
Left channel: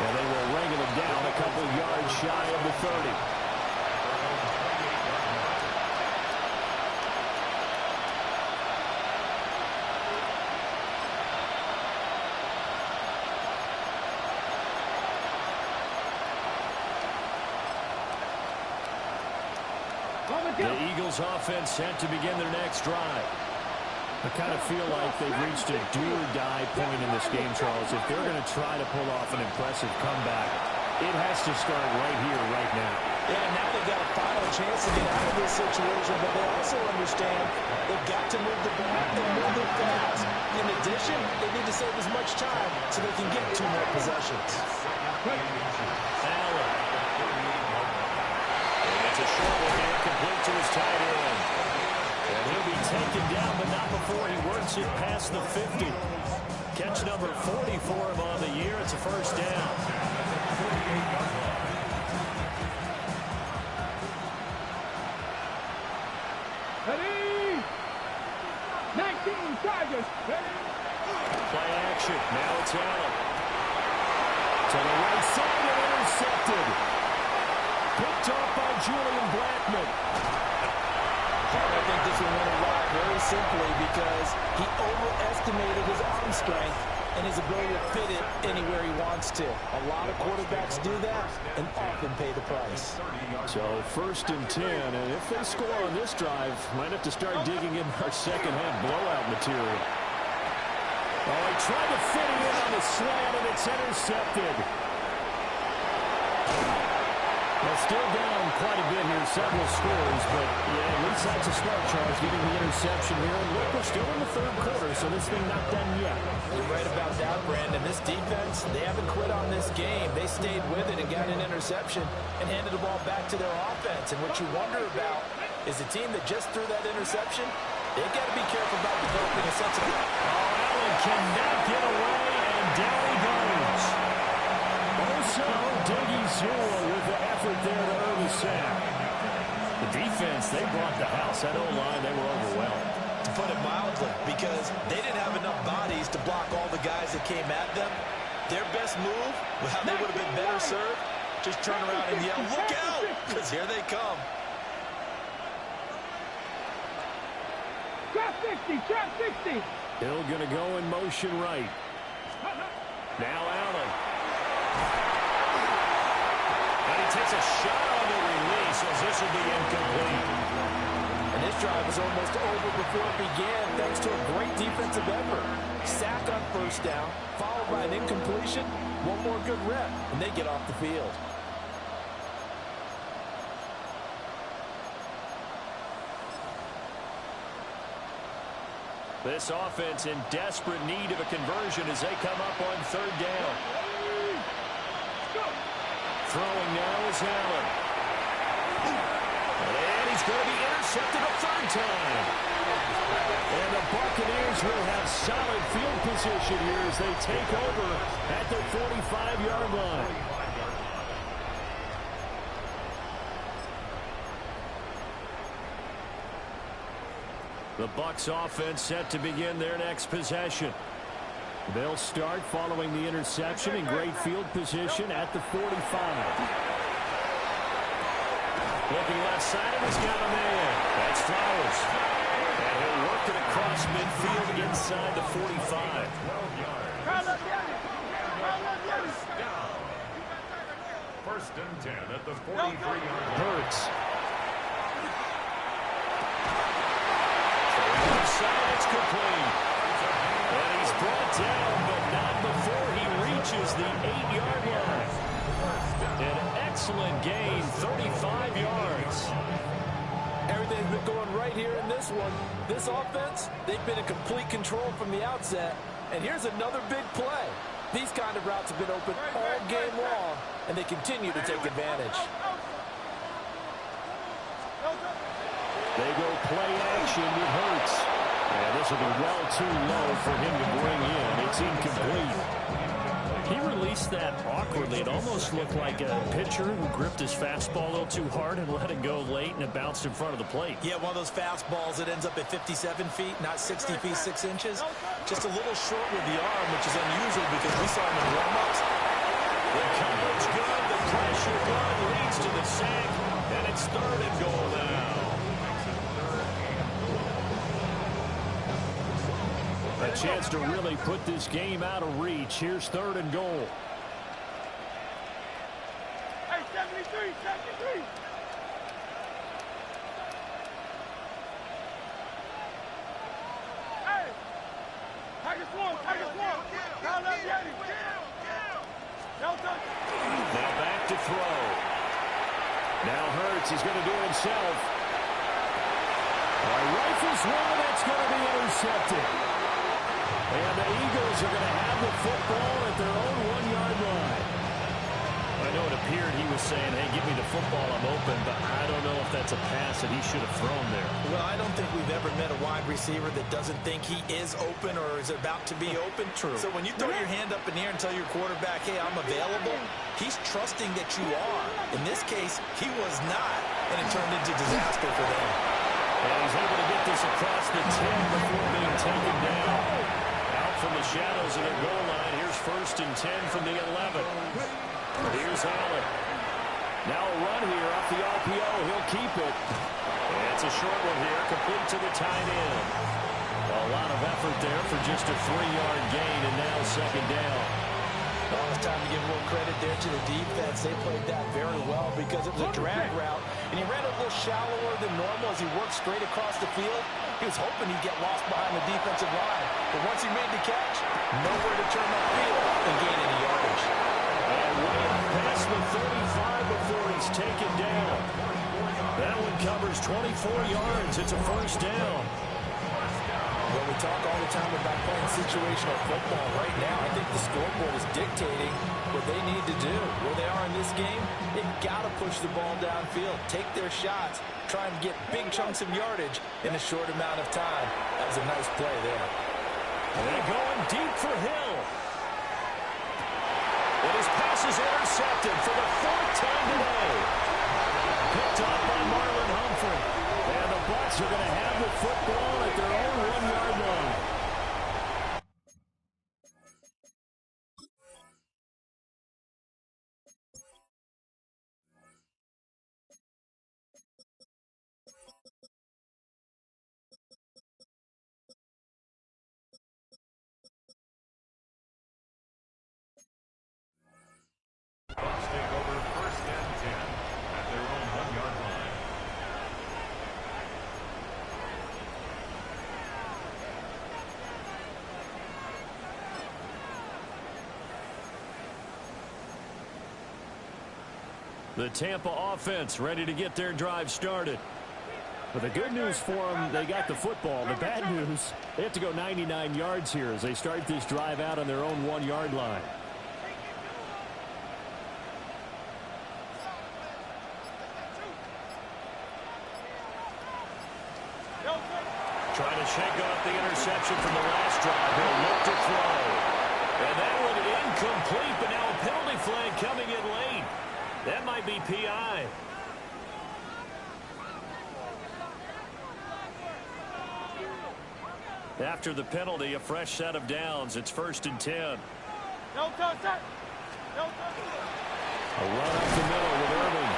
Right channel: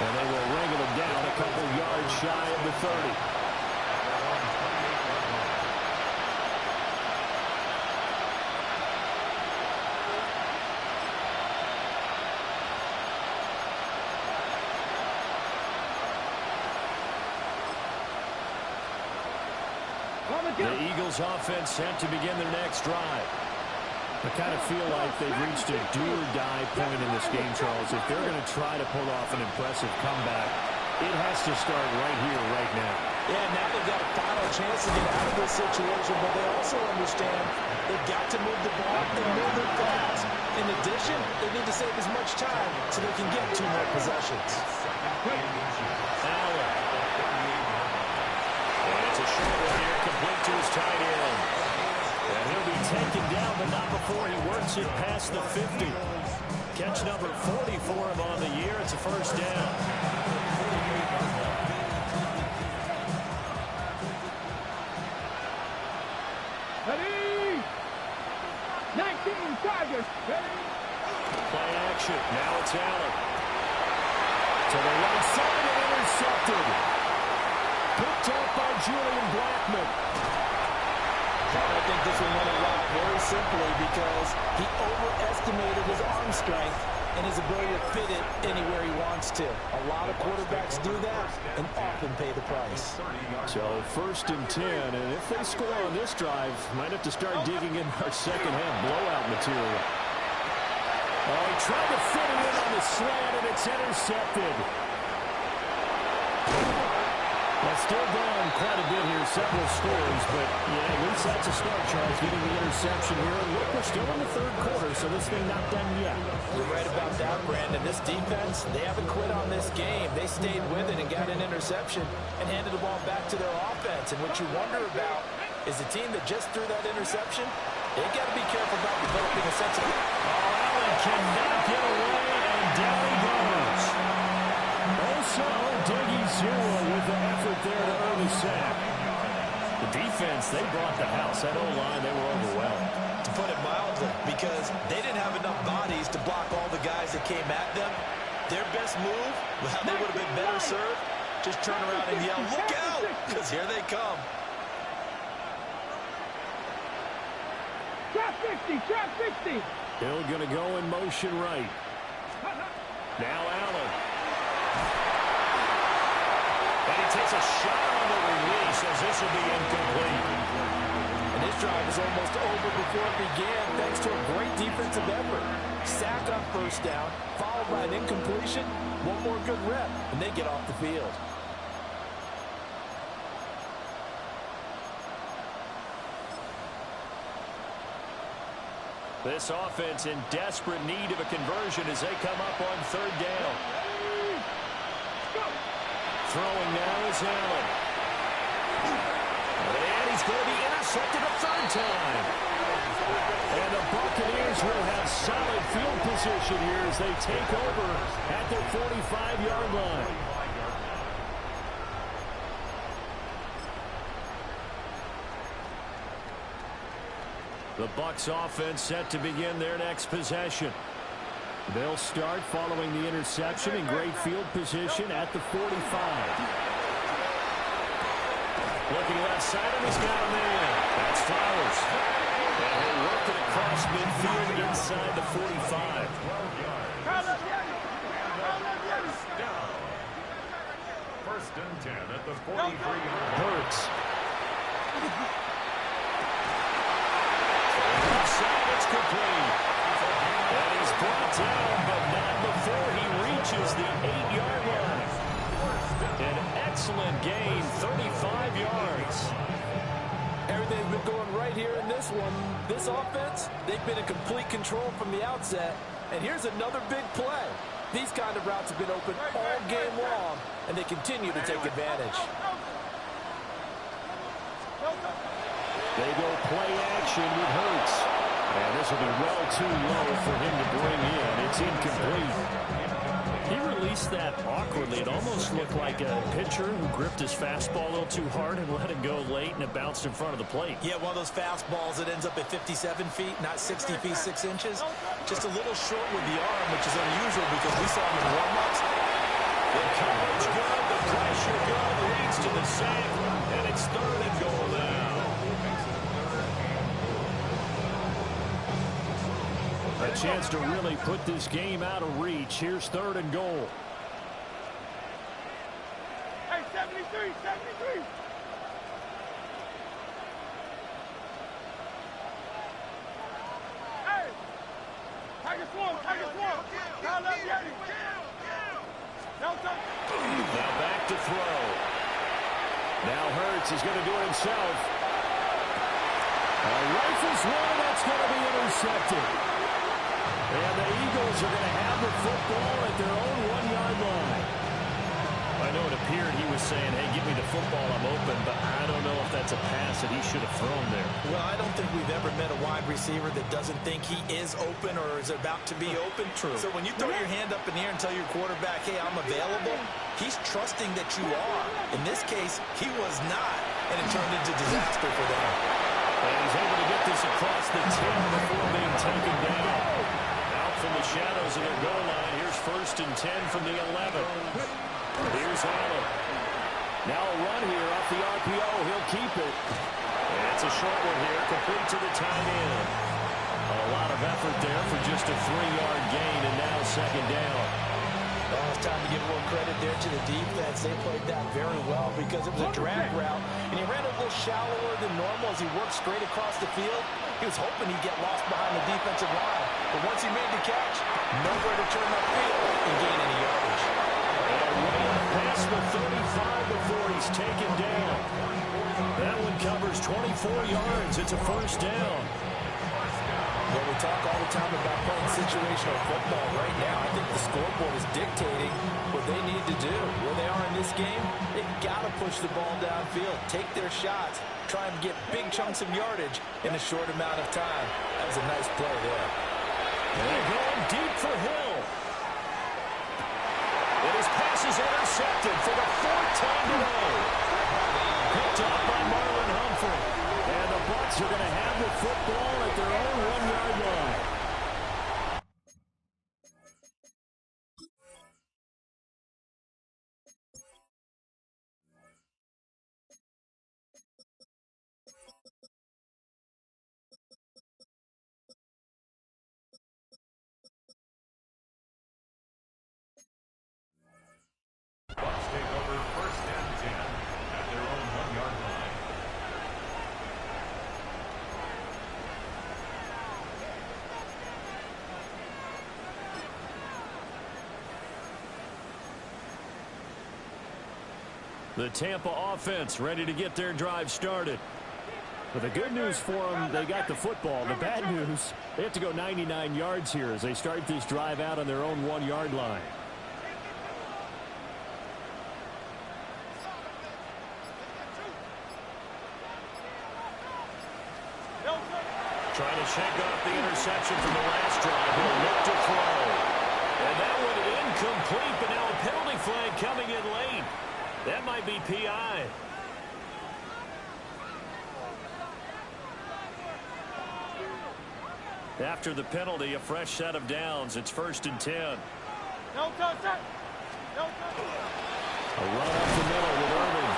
And they will wrangle him down a couple yards shy of the 30. The Eagles offense set to begin their next drive. I kind of feel like they've reached a do-or-die point in this game, Charles. If they're going to try to pull off an impressive comeback, it has to start right here, right now. Yeah, now they've got a final chance to get out of this situation, but they also understand they've got to move the ball and move it fast. In addition, they need to save as much time so they can get 2 more possessions. Allen. And it's a short one here, complete to his tight end. And he'll be taken down, but not before he works it past the 50. Catch number 40 for him on the year. It's a first down. Ready? 19 Tigers. Ready? Play action. Now it's Allen. To the right side and intercepted. Picked off by Julian Blackman. I think this will win a lot very simply because he overestimated his arm strength and his ability to fit it anywhere he wants to. A lot of quarterbacks do that and often pay the price. So 1st and 10, and if they score on this drive, might have to start digging in our second half blowout material. Oh, he tried to fit it in on the slant, and it's intercepted. Well, still down quite a bit here, several scores, but yeah, at least that's a start, Charles, getting the interception here. And look, we're still in the 3rd quarter, so this thing not done yet. You're right about that, Brandon. This defense, they haven't quit on this game. They stayed with it and got an interception and handed the ball back to their offense. And what you wonder about is the team that just threw that interception, they got to be careful about developing a sense of... Oh, Allen cannot get away, and down he goes. Also, Diggy Zua with the effort there to earn the sack. The defense, they brought the house. That O-line, they were overwhelmed. To put it mildly, because they didn't have enough bodies to block all the guys that came at them. Their best move, well, they would have been better served. Just turn around and yell, "Look out!" because here they come. Trap 60, trap 60. Hill going to go in motion right. Now Allen. And he takes a shot on the release as this will be incomplete. And this drive is almost over before it began thanks to a great defensive effort. Sack on 1st down, followed by an incompletion. One more good rep, and they get off the field. This offense in desperate need of a conversion as they come up on 3rd down. Throwing now is Allen. And he's going to be intercepted a 3rd time. And the Buccaneers will have solid field position here as they take over at their 45-yard line. The Bucs offense set to begin their next possession. They'll start following the interception in great field position at the 45. Looking left side, and he's got a man. That's Flowers. And he'll work it across midfield inside the 45. Down. 1st and 10 at the 43-yard line. Hurts. Left side, it's complete. And he's brought down, but not before he reaches the 8-yard line. An excellent gain, 35 yards. Everything's been going right here in this one. This offense, they've been in complete control from the outset. And here's another big play. These kind of routes have been open all game long, and they continue to take advantage. They go play action with Hurts. And this will be well too low for him to bring in. It's incomplete. He released that awkwardly. It almost looked like a pitcher who gripped his fastball a little too hard and let it go late, and it bounced in front of the plate. Yeah, one of those fastballs that ends up at 57 feet, not 60 feet, 6 inches. Just a little short with the arm, which is unusual because we saw him in warm-ups. The coverage good, the pressure good, leads to the sack, and it's 3rd and goal now. A chance to really put this game out of reach. Here's 3rd and goal. Hey, 73, 73. Hey, Tiger Swarm, Tiger Swarm. Now let's get him. No touch. Now back to throw. Now Hurts, he's going to do it himself. Rifles one, that's going to be intercepted. And the Eagles are going to have the football at their own 1-yard line. I know it appeared he was saying, hey, give me the football, I'm open, but I don't know if that's a pass that he should have thrown there. Well, I don't think we've ever met a wide receiver that doesn't think he is open or is about to be open. True. So when you throw your hand up in the air and tell your quarterback, hey, I'm available, he's trusting that you are. In this case, he was not, and it turned into disaster for them. And he's able to get this across the 10 before being taken down. Out from the shadows of their goal line. Here's 1st and 10 from the 11. Here's Allen. Now a run here off the RPO. He'll keep it. And it's a short one here, complete to the tight end. A lot of effort there for just a 3-yard gain, and now 2nd down. Oh, it's time to give a little credit there to the defense. They played that very well because it was a drag route, and he ran a little shallower than normal as he worked straight across the field. He was hoping he'd get lost behind the defensive line, but once he made the catch, nowhere to turn upfield and gain any yardage. And way up past the 35 before he's taken down. That one covers 24 yards. It's a 1st down. Well, we talk all the time about playing situational football. Right now, I think the scoreboard is dictating what they need to do. Where they are in this game, they've got to push the ball downfield, take their shots, try and get big chunks of yardage in a short amount of time. That was a nice play there. And they're going deep for Hill. And his pass is intercepted for the 4th time today. Picked up by Marlon Humphrey. And the Bucs are going to have the football at their own 1-yard line. Bucs take over 1st and 10 at their own 1-yard line. The Tampa offense ready to get their drive started. But the good news for them, they got the football. The bad news, they have to go 99 yards here as they start this drive out on their own 1-yard line. Trying to shake off the interception from the last drive. He'll look to throw. And that one incomplete, but now a penalty flag coming in late. That might be PI. After the penalty, a fresh set of downs. It's 1st and 10. No touch. No touch. A run up the middle with Irving.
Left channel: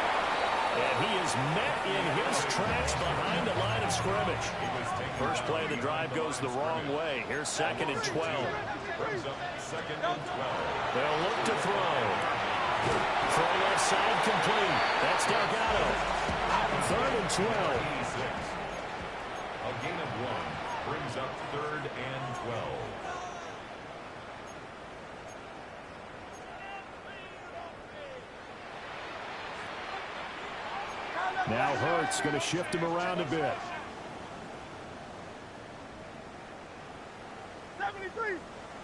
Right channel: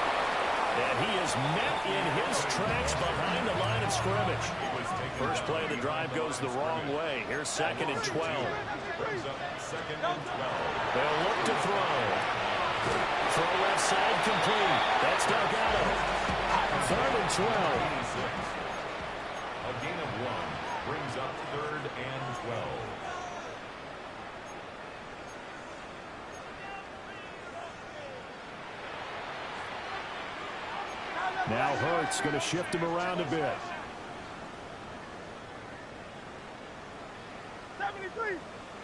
And he is met in his tracks behind the line of scrimmage. First play of the drive goes the wrong way. Here's 2nd and 12. Brings up 2nd and 12. They'll look to throw. Throw left side complete. That's Delgado. 3rd and 12. A gain of 1. Brings up 3rd and 12. Now Hurts going to shift him around a bit. 73,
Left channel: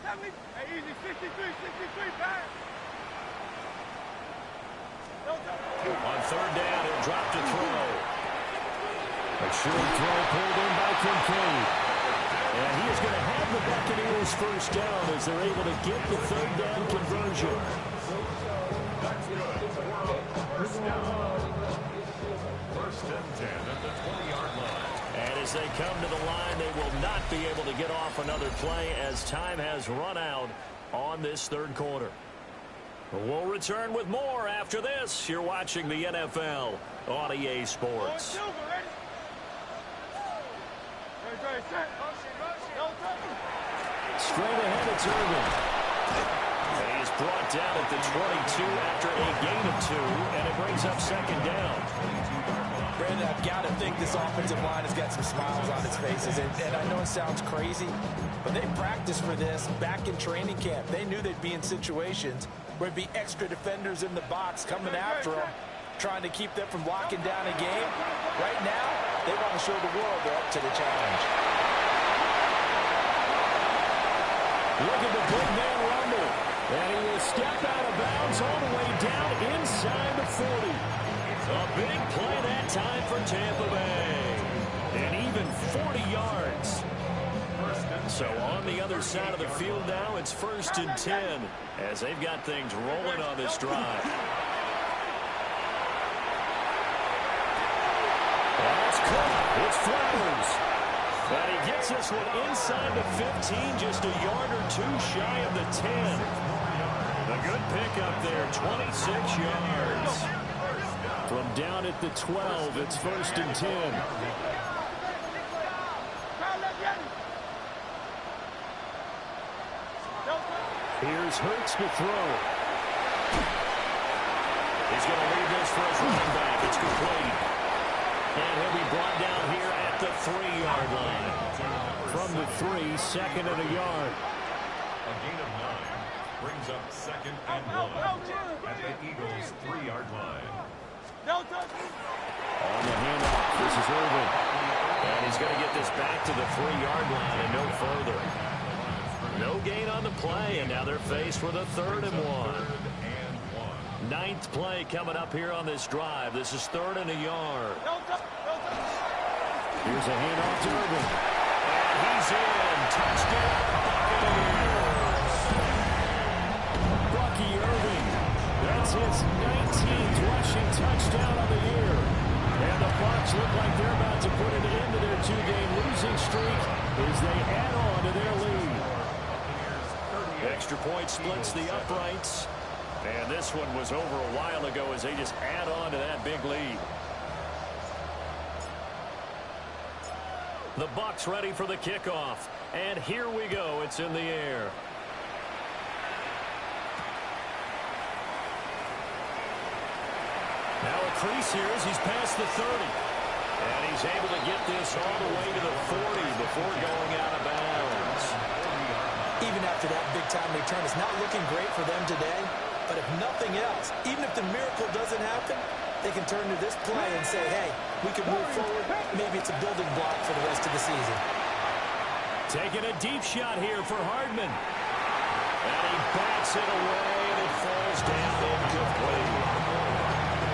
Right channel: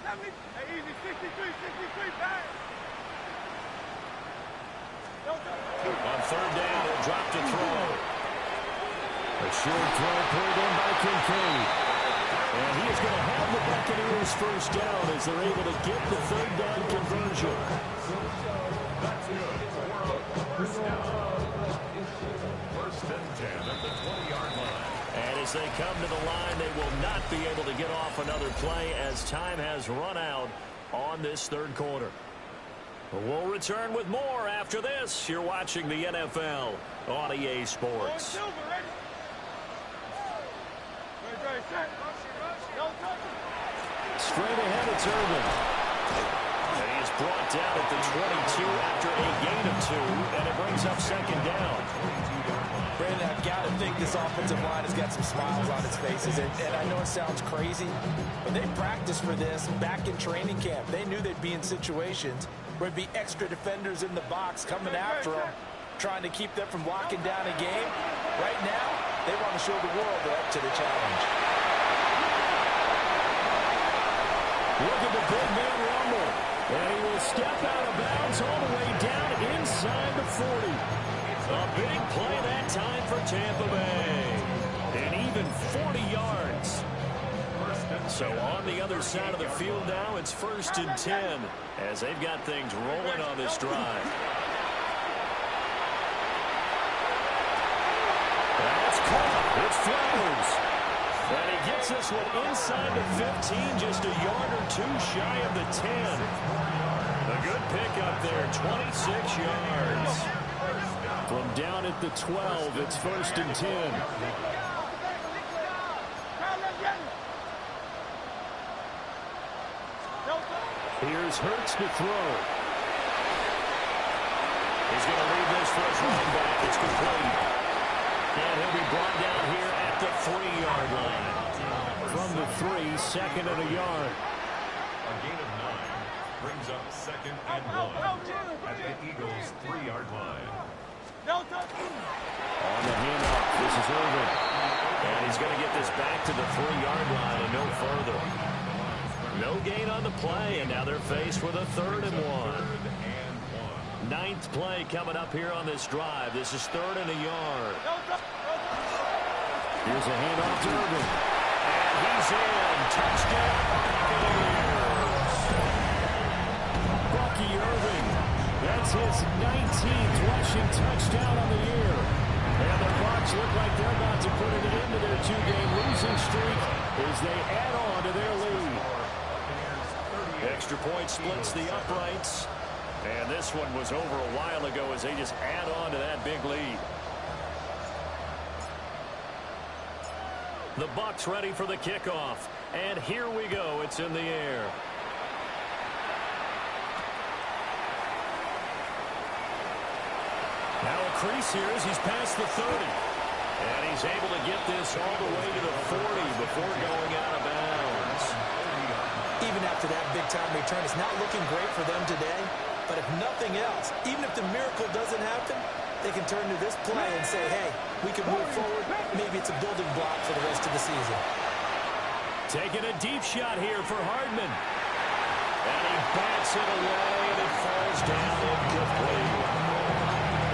70, hey, easy, 63, bang. On 3rd down, he'll drop to throw. A short throw pulled in by Kincaid. And he is going to have the Buccaneers first down as they're able to get the 3rd down conversion. That's good. First down. 1st and 10 at the 20-yard line. And as they come to the line, they will not be able to get off another play as time has run out on this 3rd quarter. We'll return with more after this. You're watching the NFL on EA Sports. Straight ahead, it's Irvin. And he is brought down at the 22 after a gain of 2, and it brings up 2nd down. Brandon, I've got to think this offensive line has got some smiles on its faces. And I know it sounds crazy, but they practiced for this back in training camp. They knew they'd be in situations where there'd be extra defenders in the box coming after them, trying to keep them from locking down a game. Right now, they want to show the world they're up to the challenge. Look at the big man rumble. And he will step out of bounds all the way down inside the 40. A big play that time for Tampa Bay. And even 40 yards. So on the other side of the field now, it's 1st and 10 as they've got things rolling on this drive. That's caught. It's Flowers. And he gets this one inside the 15, just a yard or 2 shy of the 10. A good pickup there, 26 yards. From down at the 12, it's 1st and 10. Here's Hurts to throw. He's going to leave this for his running back. It's complete. And he'll be brought down here at the 3-yard line. From the 3, 2nd and a yard. A gain of 9 brings up 2nd and 1 at the Eagles' 3-yard line. On the handoff, this is Irvin. And he's going to get this back to the 3-yard line and no further. No gain on the play, and now they're faced with a 3rd and 1. 9th play coming up here on this drive. This is 3rd and a yard. Here's a handoff to Irvin. And he's in. Touchdown, Buccaneers. Bucky Irving. That's his 19th rushing touchdown on the year. And the Bucs look like they're about to put an end to their 2-game losing streak as they add on to their lead. Extra point splits the uprights. And this one was over a while ago as they just add on to that big lead. The Bucs ready for the kickoff. And here we go. It's in the air. Now a crease here as he's past the 30. And he's able to get this all the way to the 40 before going out of bounds. Even after that big-time return, it's not looking great for them today. But if nothing else, even if the miracle doesn't happen, they can turn to this play and say, hey, we can move forward. Maybe it's a building block for the rest of the season. Taking a deep shot here for Hardman. And he bats it away, and it falls down incomplete.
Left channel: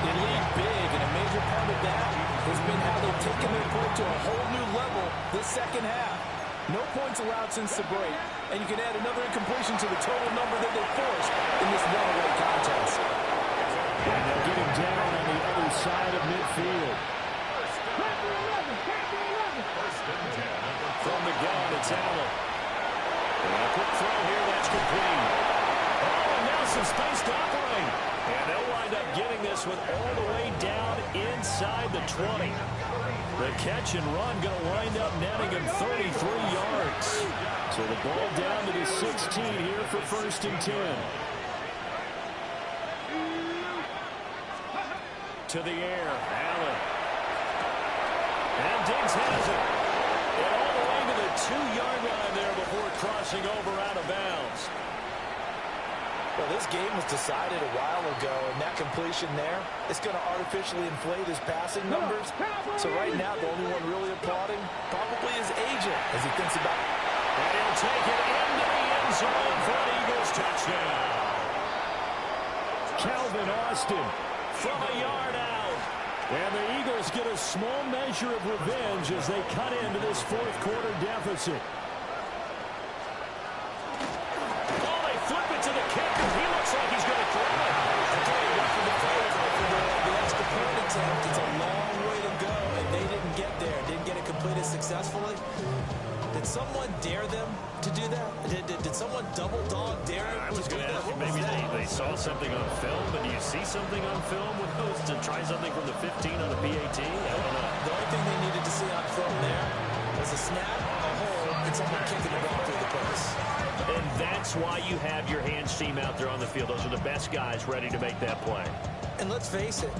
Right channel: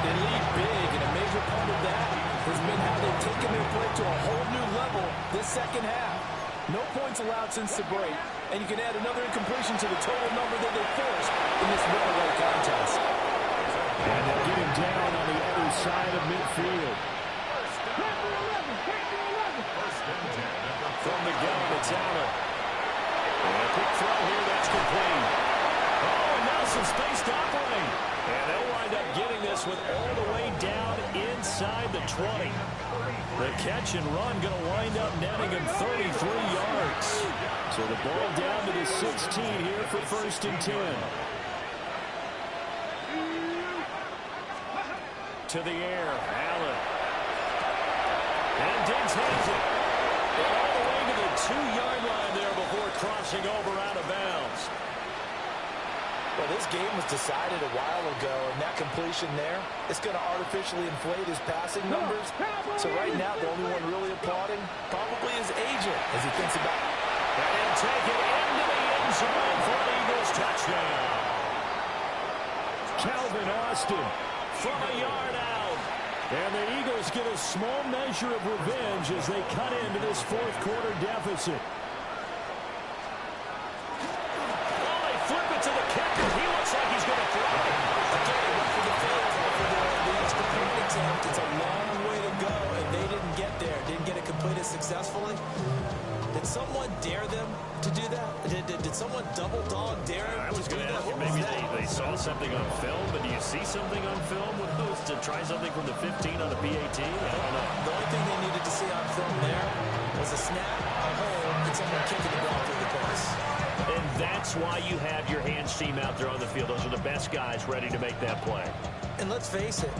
They lead big, and a major part of that has been how they've taken their play to a whole new level this second half. No points allowed since the break, and you can add another incompletion to the total number that they forced in this runaway contest. And they'll get him down on the other side of midfield. From the gun, it's Allen. And a quick throw here, that's complete. Oh, and now some space to operate. And they'll wind up getting this one all the way down inside the 20. The catch and run going to wind up netting him 33 yards. So the ball down to the 16 here for 1st and 10. To the air, Allen. And Diggs has it. And all the way to the 2-yard line there before crossing over out of bounds. Well, this game was decided a while ago, and that completion there, it's going to artificially inflate his passing numbers. So right now, the only one really applauding probably his agent as he thinks about. And he'll take it into the end zone for an Eagles touchdown. Calvin Austin from a yard out. And the Eagles get a small measure of revenge as they cut into this fourth-quarter deficit. Flip it to the kicker. He looks like he's going to throw it. Again, he went for the field goal for the extra point attempt. It's a long way to go, and they didn't get there. Didn't get it completed successfully. Did someone dare them to do that? Did someone double dog dare him? I was going to ask you, maybe they saw something on film, but do you see something on film with those to try something from the 15 on a PAT? I don't know. The only thing they needed to see on film there was a snap, a hole, and someone kicking the ball through the post. And that's why you have your hands team out there on the field. Those are the best guys ready to make that play. And let's face it,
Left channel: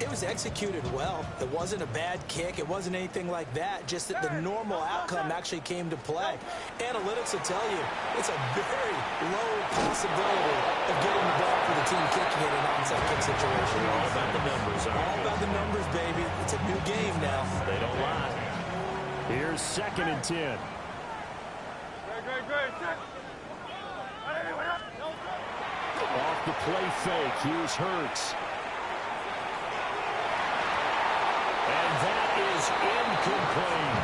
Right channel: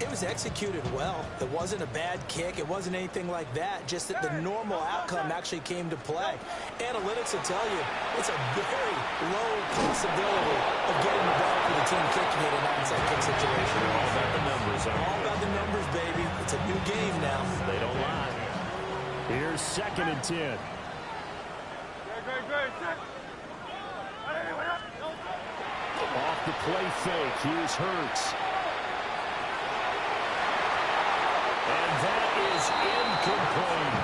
it was executed well. It wasn't a bad kick. It wasn't anything like that. Just that the normal outcome actually came to play. Analytics will tell you it's a very low possibility of getting the ball for the team kicking it in an onside kick situation. They're all about the numbers, aren't all they? about the numbers, baby. It's a new game now. They don't lie. Here's 2nd and 10. Great. Off the play fake, here's Hurts. And that is incomplete.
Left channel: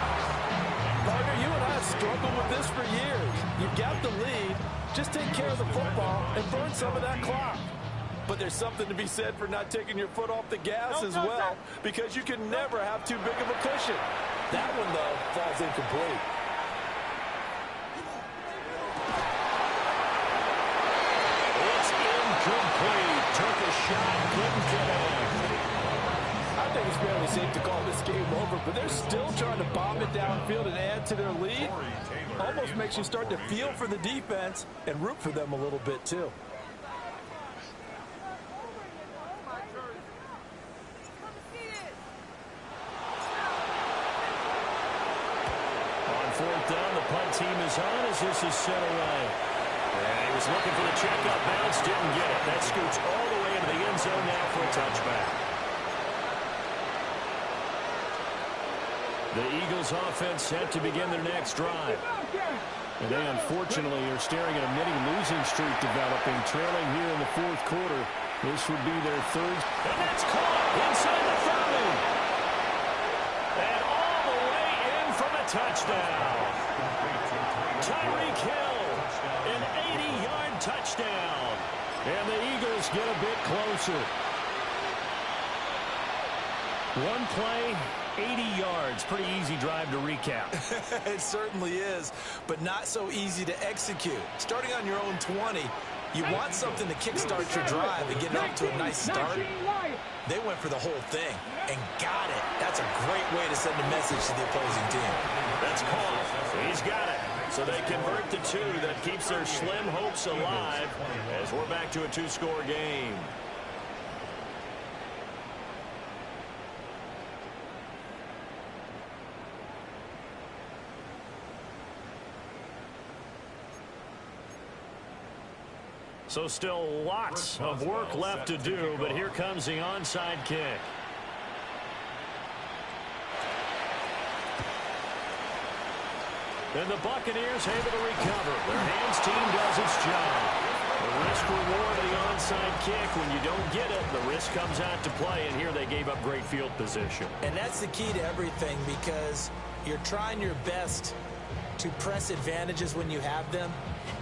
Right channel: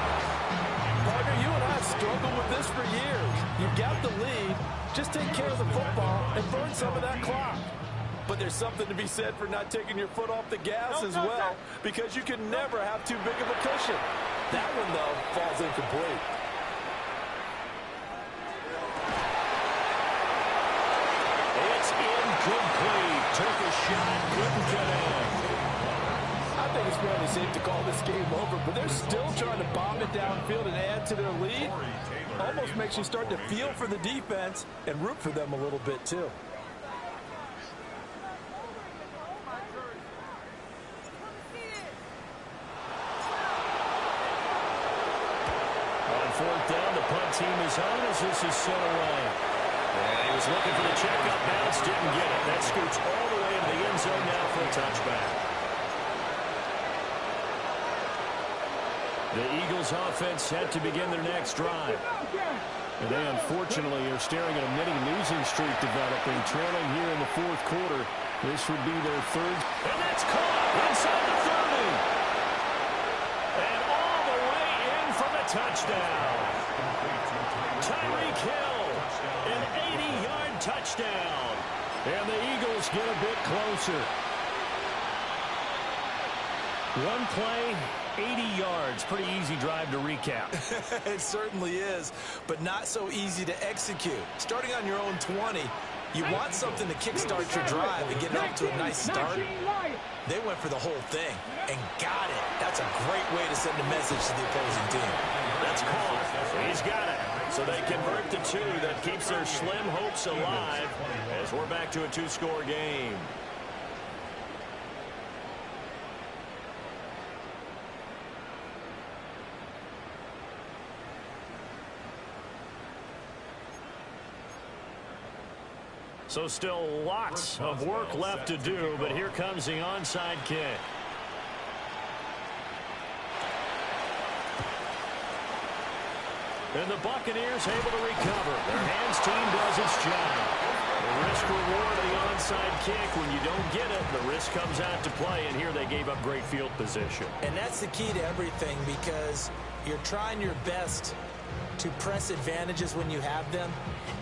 Partner, you and I have struggled with this for years. You've got the lead. Just take care of the football and burn some of that clock. But there's something to be said for not taking your foot off the gas as well, because you can never have too big of a cushion. That one, though, falls incomplete. It's incomplete. Took a shot, couldn't connect. I think it's fairly safe to call this game over, but they're still trying to bomb it downfield and add to their lead. Almost makes you start to feel for the defense and root for them a little bit, too. On 4th down, the punt team is on as this is sent away. And he was looking for the checkup bounce, didn't get it. That scoots all the way into the end zone now for a touchback. The Eagles offense set to begin their next drive. And they unfortunately are staring at a mini losing streak developing, trailing here in the fourth quarter. This would be their third. And that's caught inside the 30. And all the way in from a touchdown. Tyreek Hill, an 80-yard touchdown. And the Eagles get a bit closer. One play, 80 yards. Pretty easy drive to recap. It certainly is, but not so easy to execute. Starting on your own 20, you want something to kickstart your drive and get it off to a nice start. They went for the whole thing and got it. That's a great way to send a message to the opposing team. That's caught. He's got it. So they convert the 2. That keeps their slim hopes alive as we're back to a 2-score game. So still lots of work left to do, but here comes the onside kick. And the Buccaneers able to recover. Their hands team does its job. The risk-reward of the onside kick, when you don't get it, the risk comes out to play, and here they gave up great field position. And that's the key to everything, because you're trying your best to press advantages when you have them,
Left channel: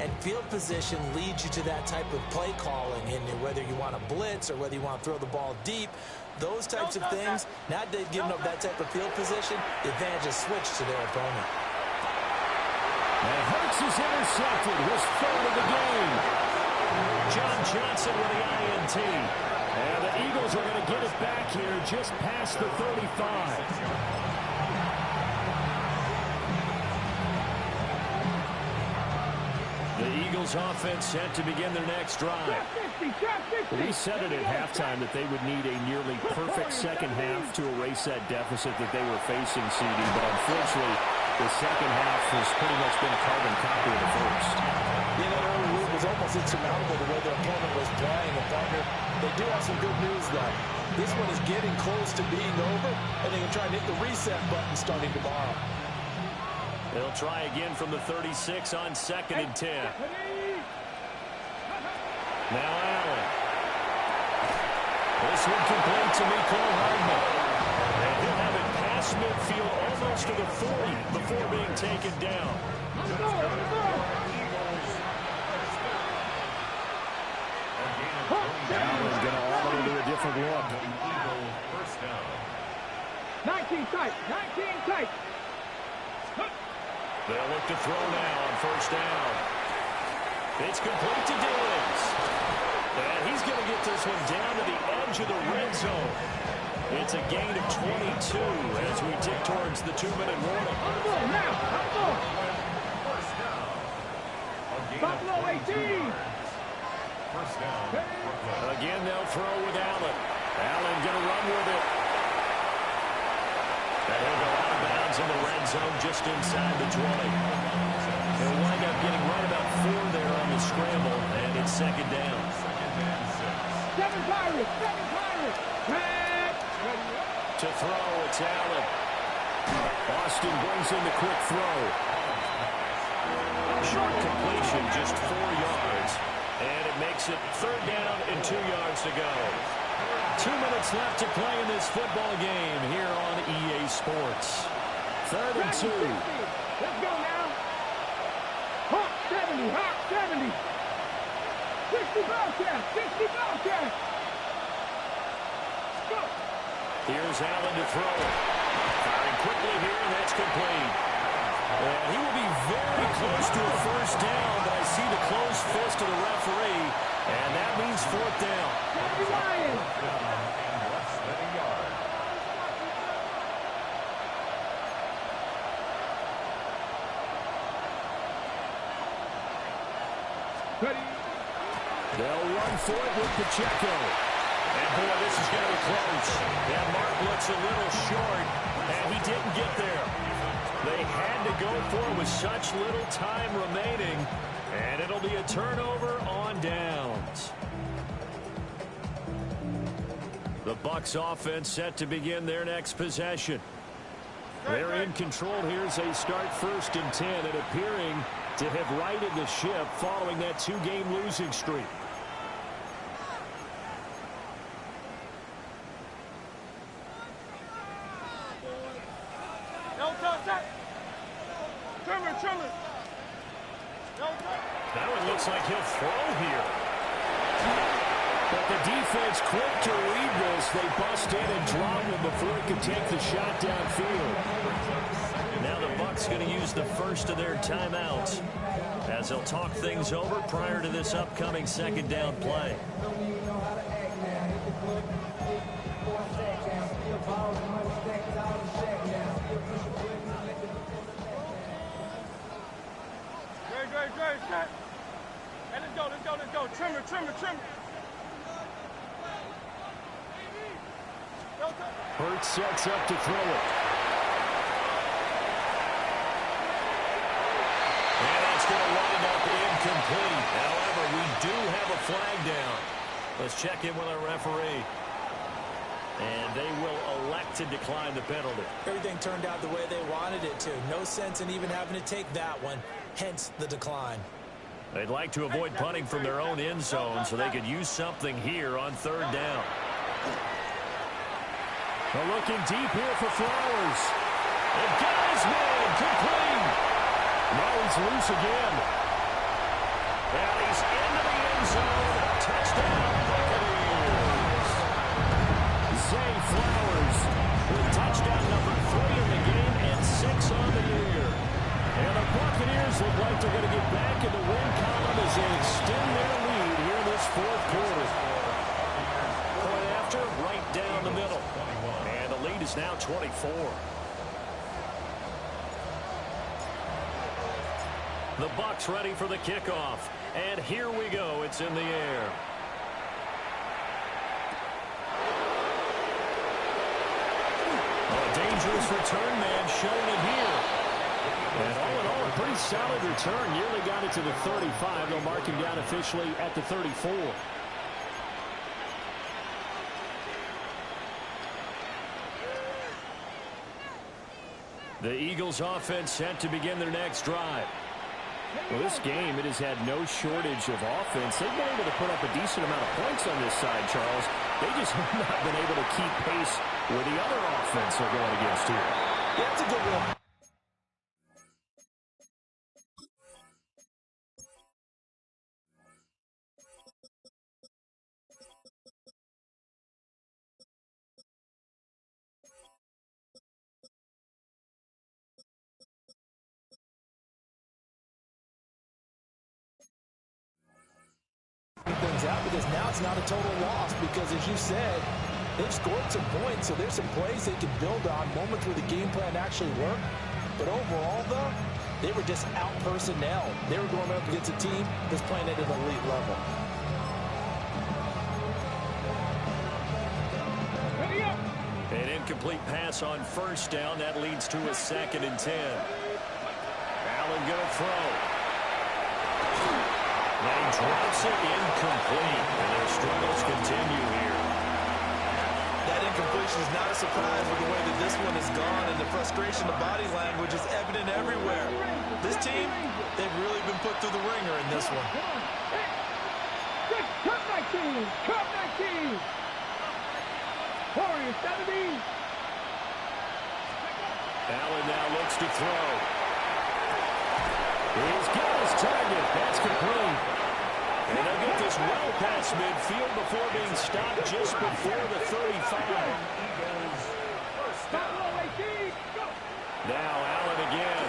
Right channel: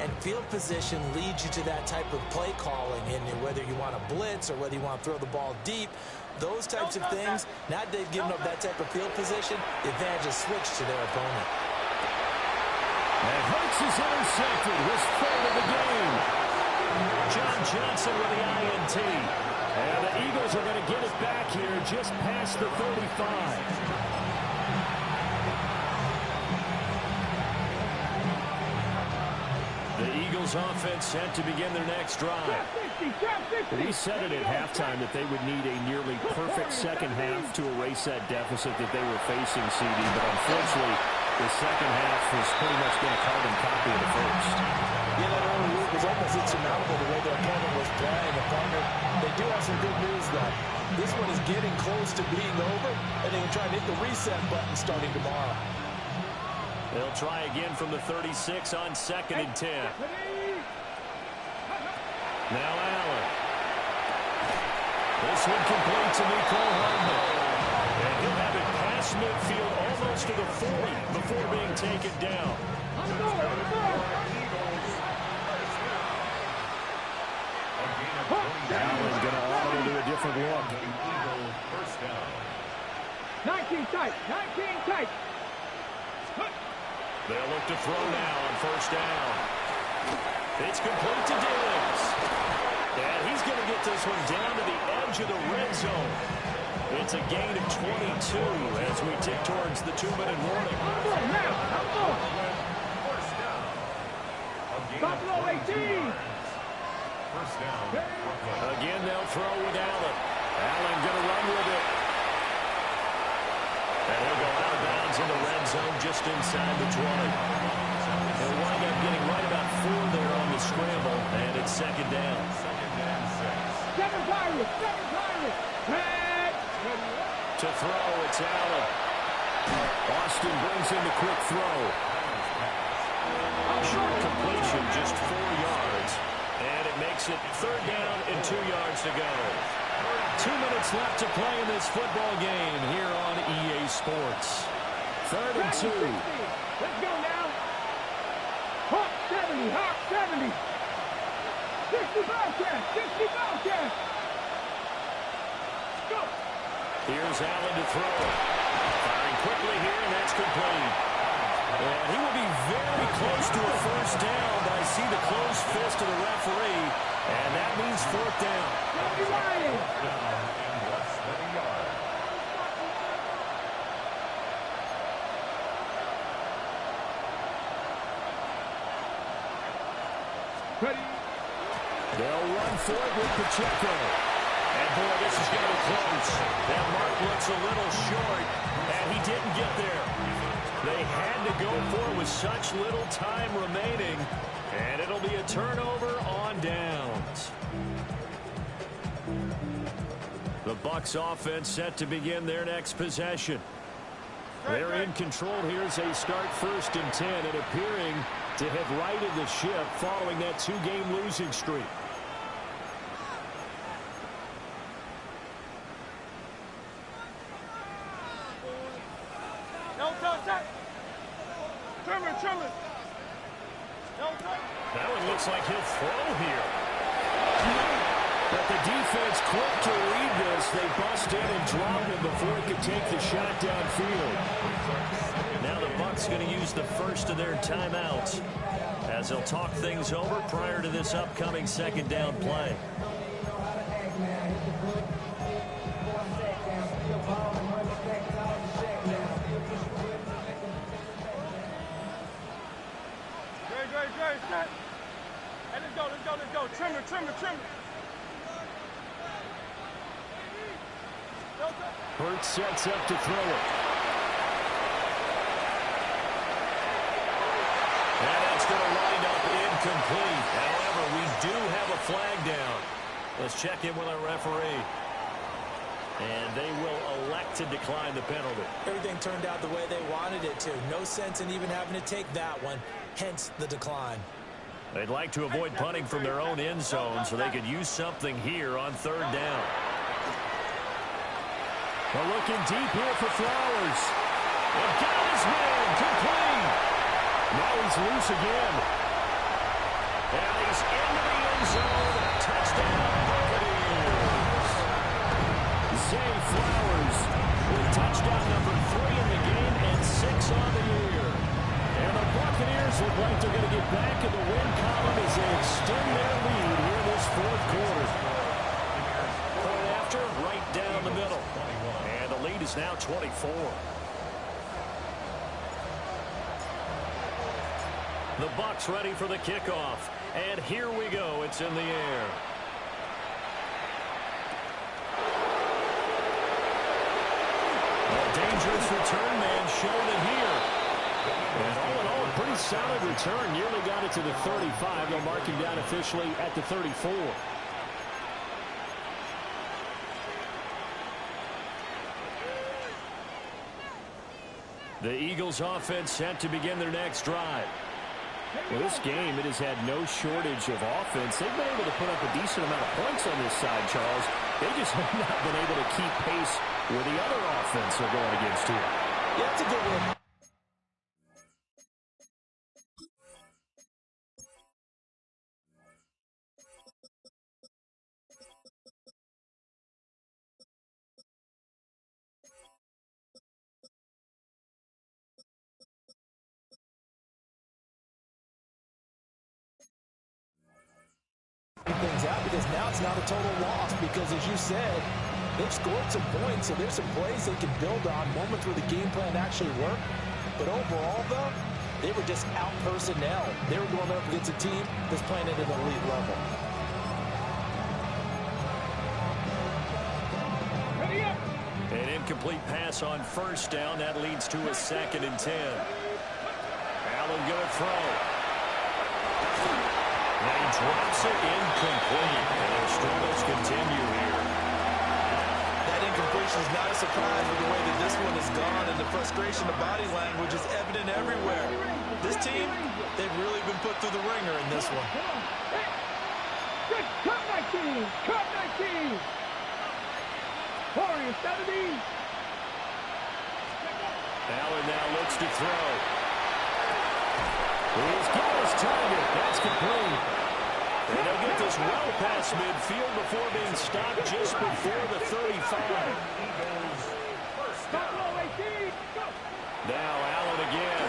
and field position leads you to that type of play calling, and whether you want to blitz or whether you want to throw the ball deep, those types of things, now that they've given up that type of field position, the advantage is switched to their opponent. And Hurts is intercepted, his 3rd of the game. John Johnson with the INT. And the Eagles are going to get it back here just past the 35. The Eagles offense set to begin their next drive. We said it at halftime that they would need a nearly perfect second half to erase that deficit that they were facing, CD, but unfortunately The second half has pretty much been a carbon copy of the first. Yeah, that early lead was almost insurmountable the way their opponent was playing. And, partner, they do have some good news, though. This one is getting close to being over, and they can try and hit the reset button starting tomorrow. They'll try again from the 36 on 2nd and 10. Now Allen. This one complete to Mecole Hardman. And he'll have it past midfield almost to the 40 before being taken down. Allen's going to auto to a different look. First down. 19 tight. 19 tight. They'll look to throw now on first down. It's complete to Diggs. And he's going to get this one down to the edge of the red zone. It's a gain of 22 as we tick towards the 2-minute warning. First down. A gain Buffalo of 22 18. yards. First down. Brooklyn. Again, they'll throw with Allen. Allen going to run with it. And he'll go out of bounds in the red zone just inside the 20. He'll wind up getting right about 4 there on the scramble, and it's second down. Second and 6. 7 Pirates. 7 Pirates. To throw, it's Allen. Austin brings in the quick throw. Short completion, just 4 yards. And it makes it third down and 2 yards to go. 2 minutes left to play in this football game here on EA Sports. Third and 2. Let's go now. Hawk 70. Hawk 70. 60 Bobcats. 60 Bobcats. Go. Here's Allen to throw it. Firing quickly here, and that's complete. And he will be very close to a first down, but I see the closed fist of the referee, and that means fourth down. Ryan. Down and less than a yard. Ready. They'll run for it with Pacheco. And, boy, this is going to be close. That mark looks a little short, and he didn't get there. They had to go for it with such little time remaining, and it'll be a turnover on downs. The Bucs offense set to begin their next possession. They're in control here as they start 1st and 10 and appearing to have righted the ship following that 2-game losing streak. No touch. Trimmer. No touch. Now it looks like he'll throw here. But the defense quick to read this. They bust in and drop him before he could take the shot downfield. Now the Bucs going to use the first of their timeouts as they'll talk things over prior to this upcoming second down play. Great. Set. Hey, let's go. Trimmer. No touch. Hurts sets up to throw it. And that's going to wind up incomplete. However, we do have a flag down. Let's check in with our referee. And they will elect to decline the penalty. Everything turned out the way they wanted it to. No sense in even having to take that one, hence the decline. They'd like to avoid punting from their own end zone so they could use something here on third down. They're looking deep here for Flowers. They've got his man complete. Now he's loose again. And he's into the end zone. Touchdown, Buccaneers. Zay Flowers with touchdown number 3 in the game and 6 on the year. And the Buccaneers look like they're going to get back in the win column as they extend their lead here in this fourth quarter. Point after, right down the middle. And the lead is now 24. The Bucs ready for the kickoff. And here we go. It's in the air. A dangerous return man showing it here. And all in all, a pretty solid return. Nearly got it to the 35. They'll mark him down officially at the 34. The Eagles offense set to begin their next drive. Well, this game, it has had no shortage of offense. They've been able to put up a decent amount of points on this side, Charles. They just have not been able to keep pace with the other offense they're going against here. Yeah, that's a good one. Things out because now it's not a total loss because, as you said, they've scored some points, so there's some plays they can build on, moments where the game plan actually worked. But overall, though, they were just out personnel. They were going up against a team that's playing at an elite level. An incomplete pass on first down. That leads to a 2nd and 10. Allen going to throw. Now he drops it incomplete, and their struggles continue here. That incompletion is not a surprise with the way that this one has gone, and the frustration of body language is evident everywhere. This team, they've really been put through the ringer in this one. Cut 19! Cut 19! Warrior 70! Allen now looks to throw. He's got his target. That's complete. And they'll get this well past midfield before being stopped just before the 35. Now Allen again.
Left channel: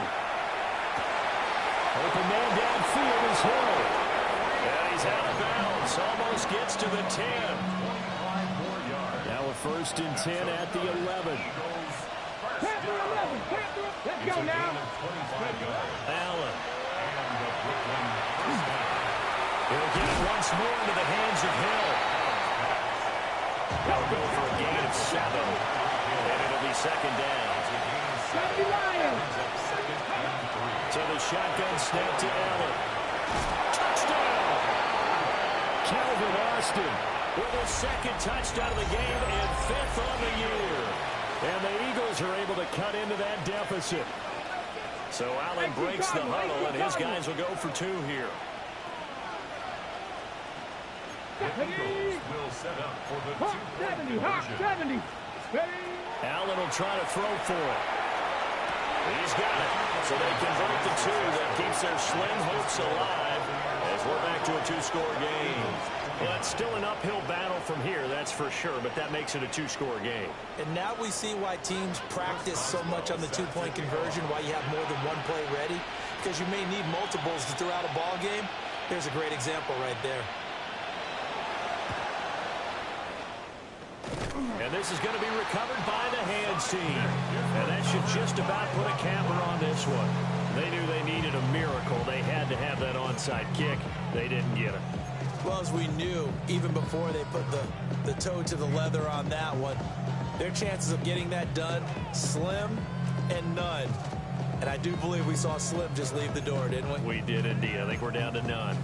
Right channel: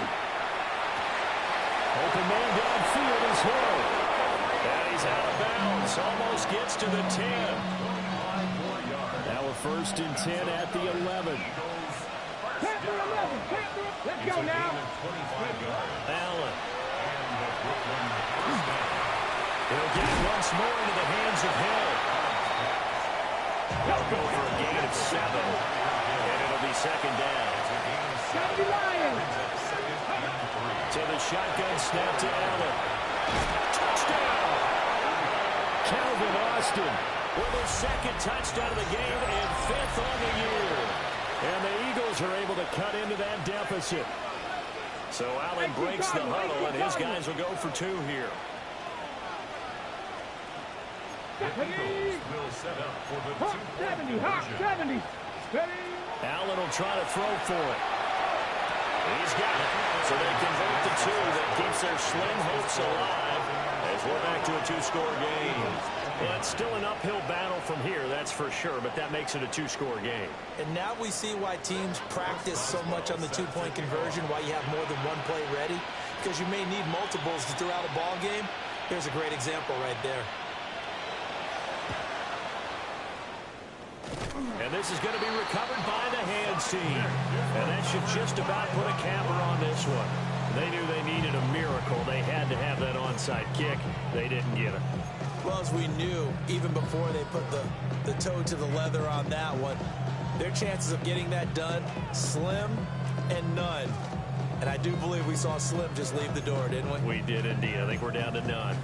Open man downfield is Hill. And he's out of bounds. Almost gets to the 10. Now a 1st and 10 at the 11. Panther 11! Panther! Let's go now! Allen. He'll get it once more into the hands of Hill. They'll go for a gain of 7. And it'll be 2nd down. To the shotgun snap to Allen. Touchdown! Calvin Austin with his 2nd touchdown of the game and 5th on the year. And the Eagles are able to cut into that deficit. So Allen breaks the huddle, and his guys will go for 2 here. The Eagles will set up for the 2-point 70! Hot 70! Allen will try to throw for it. He's got it. So they convert the 2 that keeps their slim hopes alive as we're back to a 2-score game. Well, it's still an uphill battle from here, that's for sure, but that makes it a 2-score game. And now we see why teams practice so much on the 2-point conversion, why you have more than one play ready, because you may need multiples to throw out a ball game. Here's a great example right there. And this is going to be recovered by the hands team. And that should just about put a capper on this one. They knew they needed a miracle. They had to have that onside kick. They didn't get it. Well, as we knew, even before they put the toe to the leather on that one, their chances of getting that done, slim and none. And I do believe we saw Slim just leave the door, didn't we? We did indeed. I think we're down to none.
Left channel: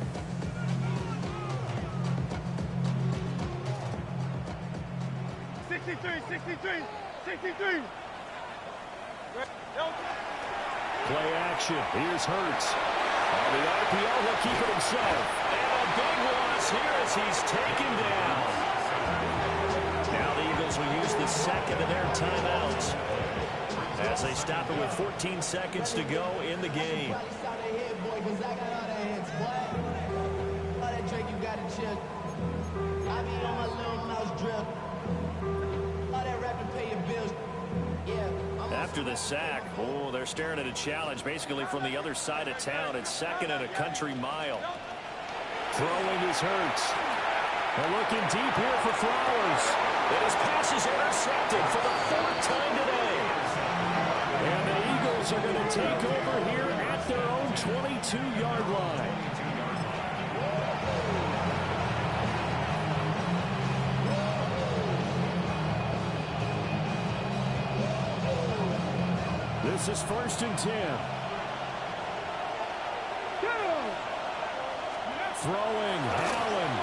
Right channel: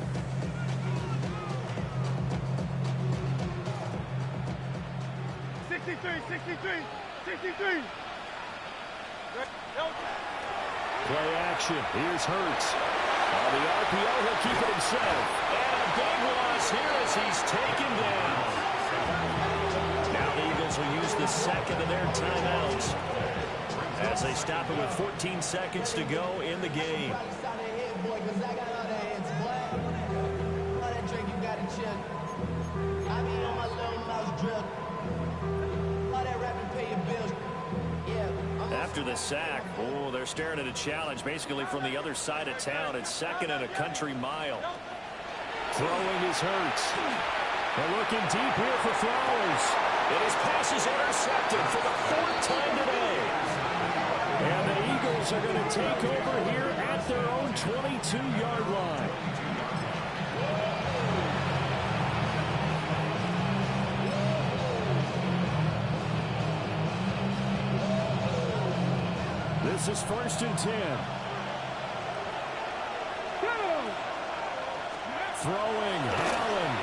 Play action. Here's Hurts. On the RPO, he'll keep it himself. And a big loss here as he's taken down. Now the Eagles will use the 2nd of their timeouts as they stop it with 14 seconds to go in the game. After the sack, oh, they're staring at a challenge basically from the other side of town. It's 2nd and a country mile. Throwing is Hurts. They're looking deep here for Flowers. And his pass is intercepted for the 4th time today. And the Eagles are going to take over here at their own 22-yard line. This is 1st and 10. Throwing, Allen.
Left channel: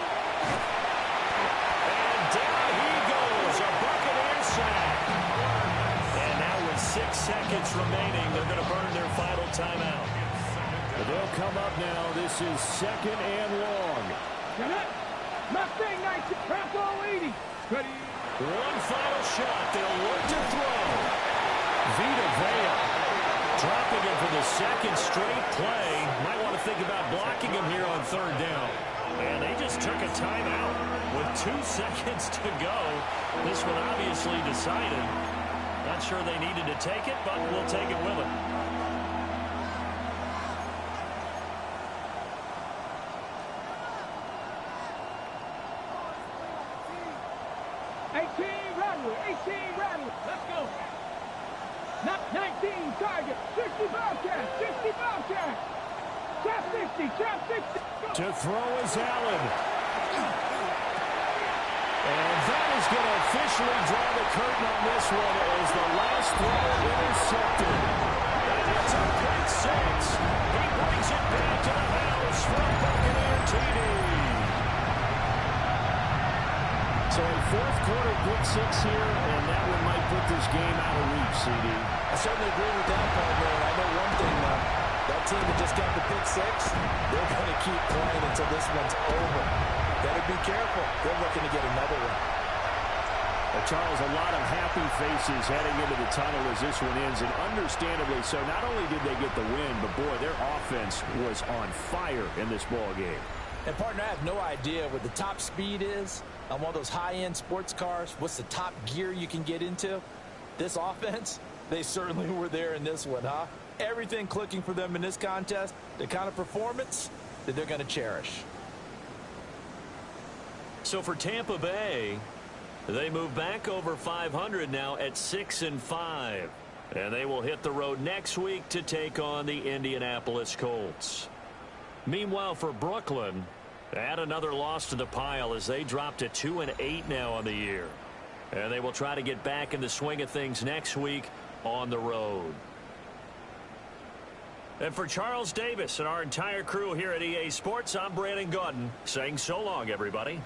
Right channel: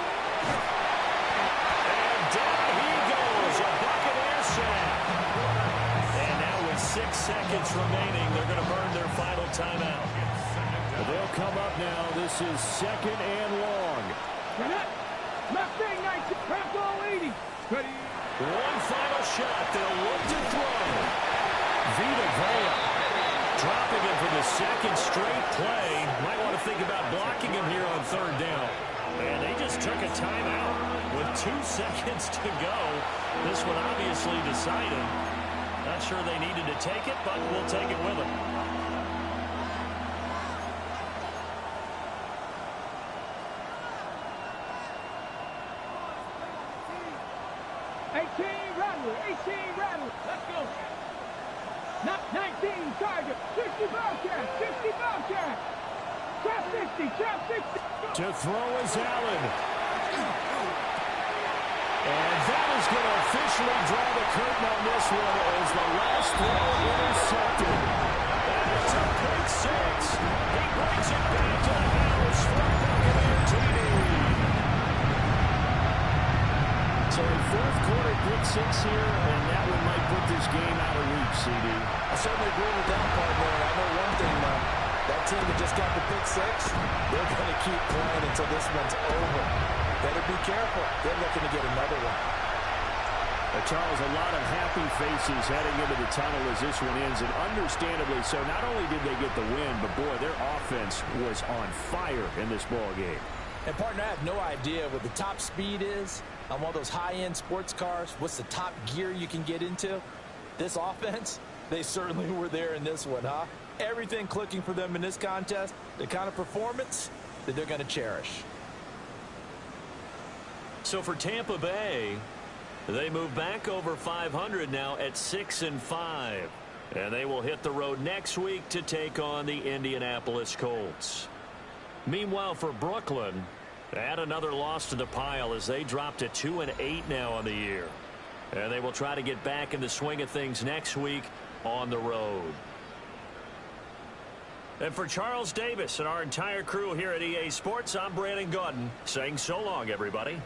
And down he goes, a Buccaneer sack. And now with 6 seconds remaining, they're going to burn their final timeout. But they'll come up now. This is 2nd and long. Mustang 19, Bronco 80. Ready. One final shot. They'll look to throw. Vita Vea dropping him for the 2nd straight play. Might want to think about blocking him here on 3rd down. And they just took a timeout with 2 seconds to go. This one obviously decided. Not sure they needed to take it, but we'll take it with them. 18 Rattler. Let's go. 19 Tiger. 60 Bobcat. 60 Bobcat. Trap 60. Trap 60. Go. To throw is Allen. And that is going to officially draw the curtain on this one as the last throw intercepted. And it's a pick 6. He brings it back to the house for a Buccaneer TD. So a 4th quarter pick 6 here, and that one might put this game out of reach, CD. I certainly agree with that, partner. I know one thing, though. That team that just got the pick 6, they're going to keep playing until this one's over. Better be careful. They're looking to get another one. Charles, a lot of happy faces heading into the tunnel as this one ends, and understandably so. Not only did they get the win, but, boy, their offense was on fire in this ball game. And, partner, I have no idea what the top speed is on one of those high-end sports cars. What's the top gear you can get into? This offense, they certainly were there in this one, huh? Everything clicking for them in this contest, the kind of performance that they're going to cherish. So for Tampa Bay, they move back over 500 now at 6-5. And they will hit the road next week to take on the Indianapolis Colts. Meanwhile, for Brooklyn, add another loss to the pile as they drop to 2-8 now on the year. And they will try to get back in the swing of things next week on the road. And for Charles Davis and our entire crew here at EA Sports, I'm Brandon Gaudin saying so long, everybody.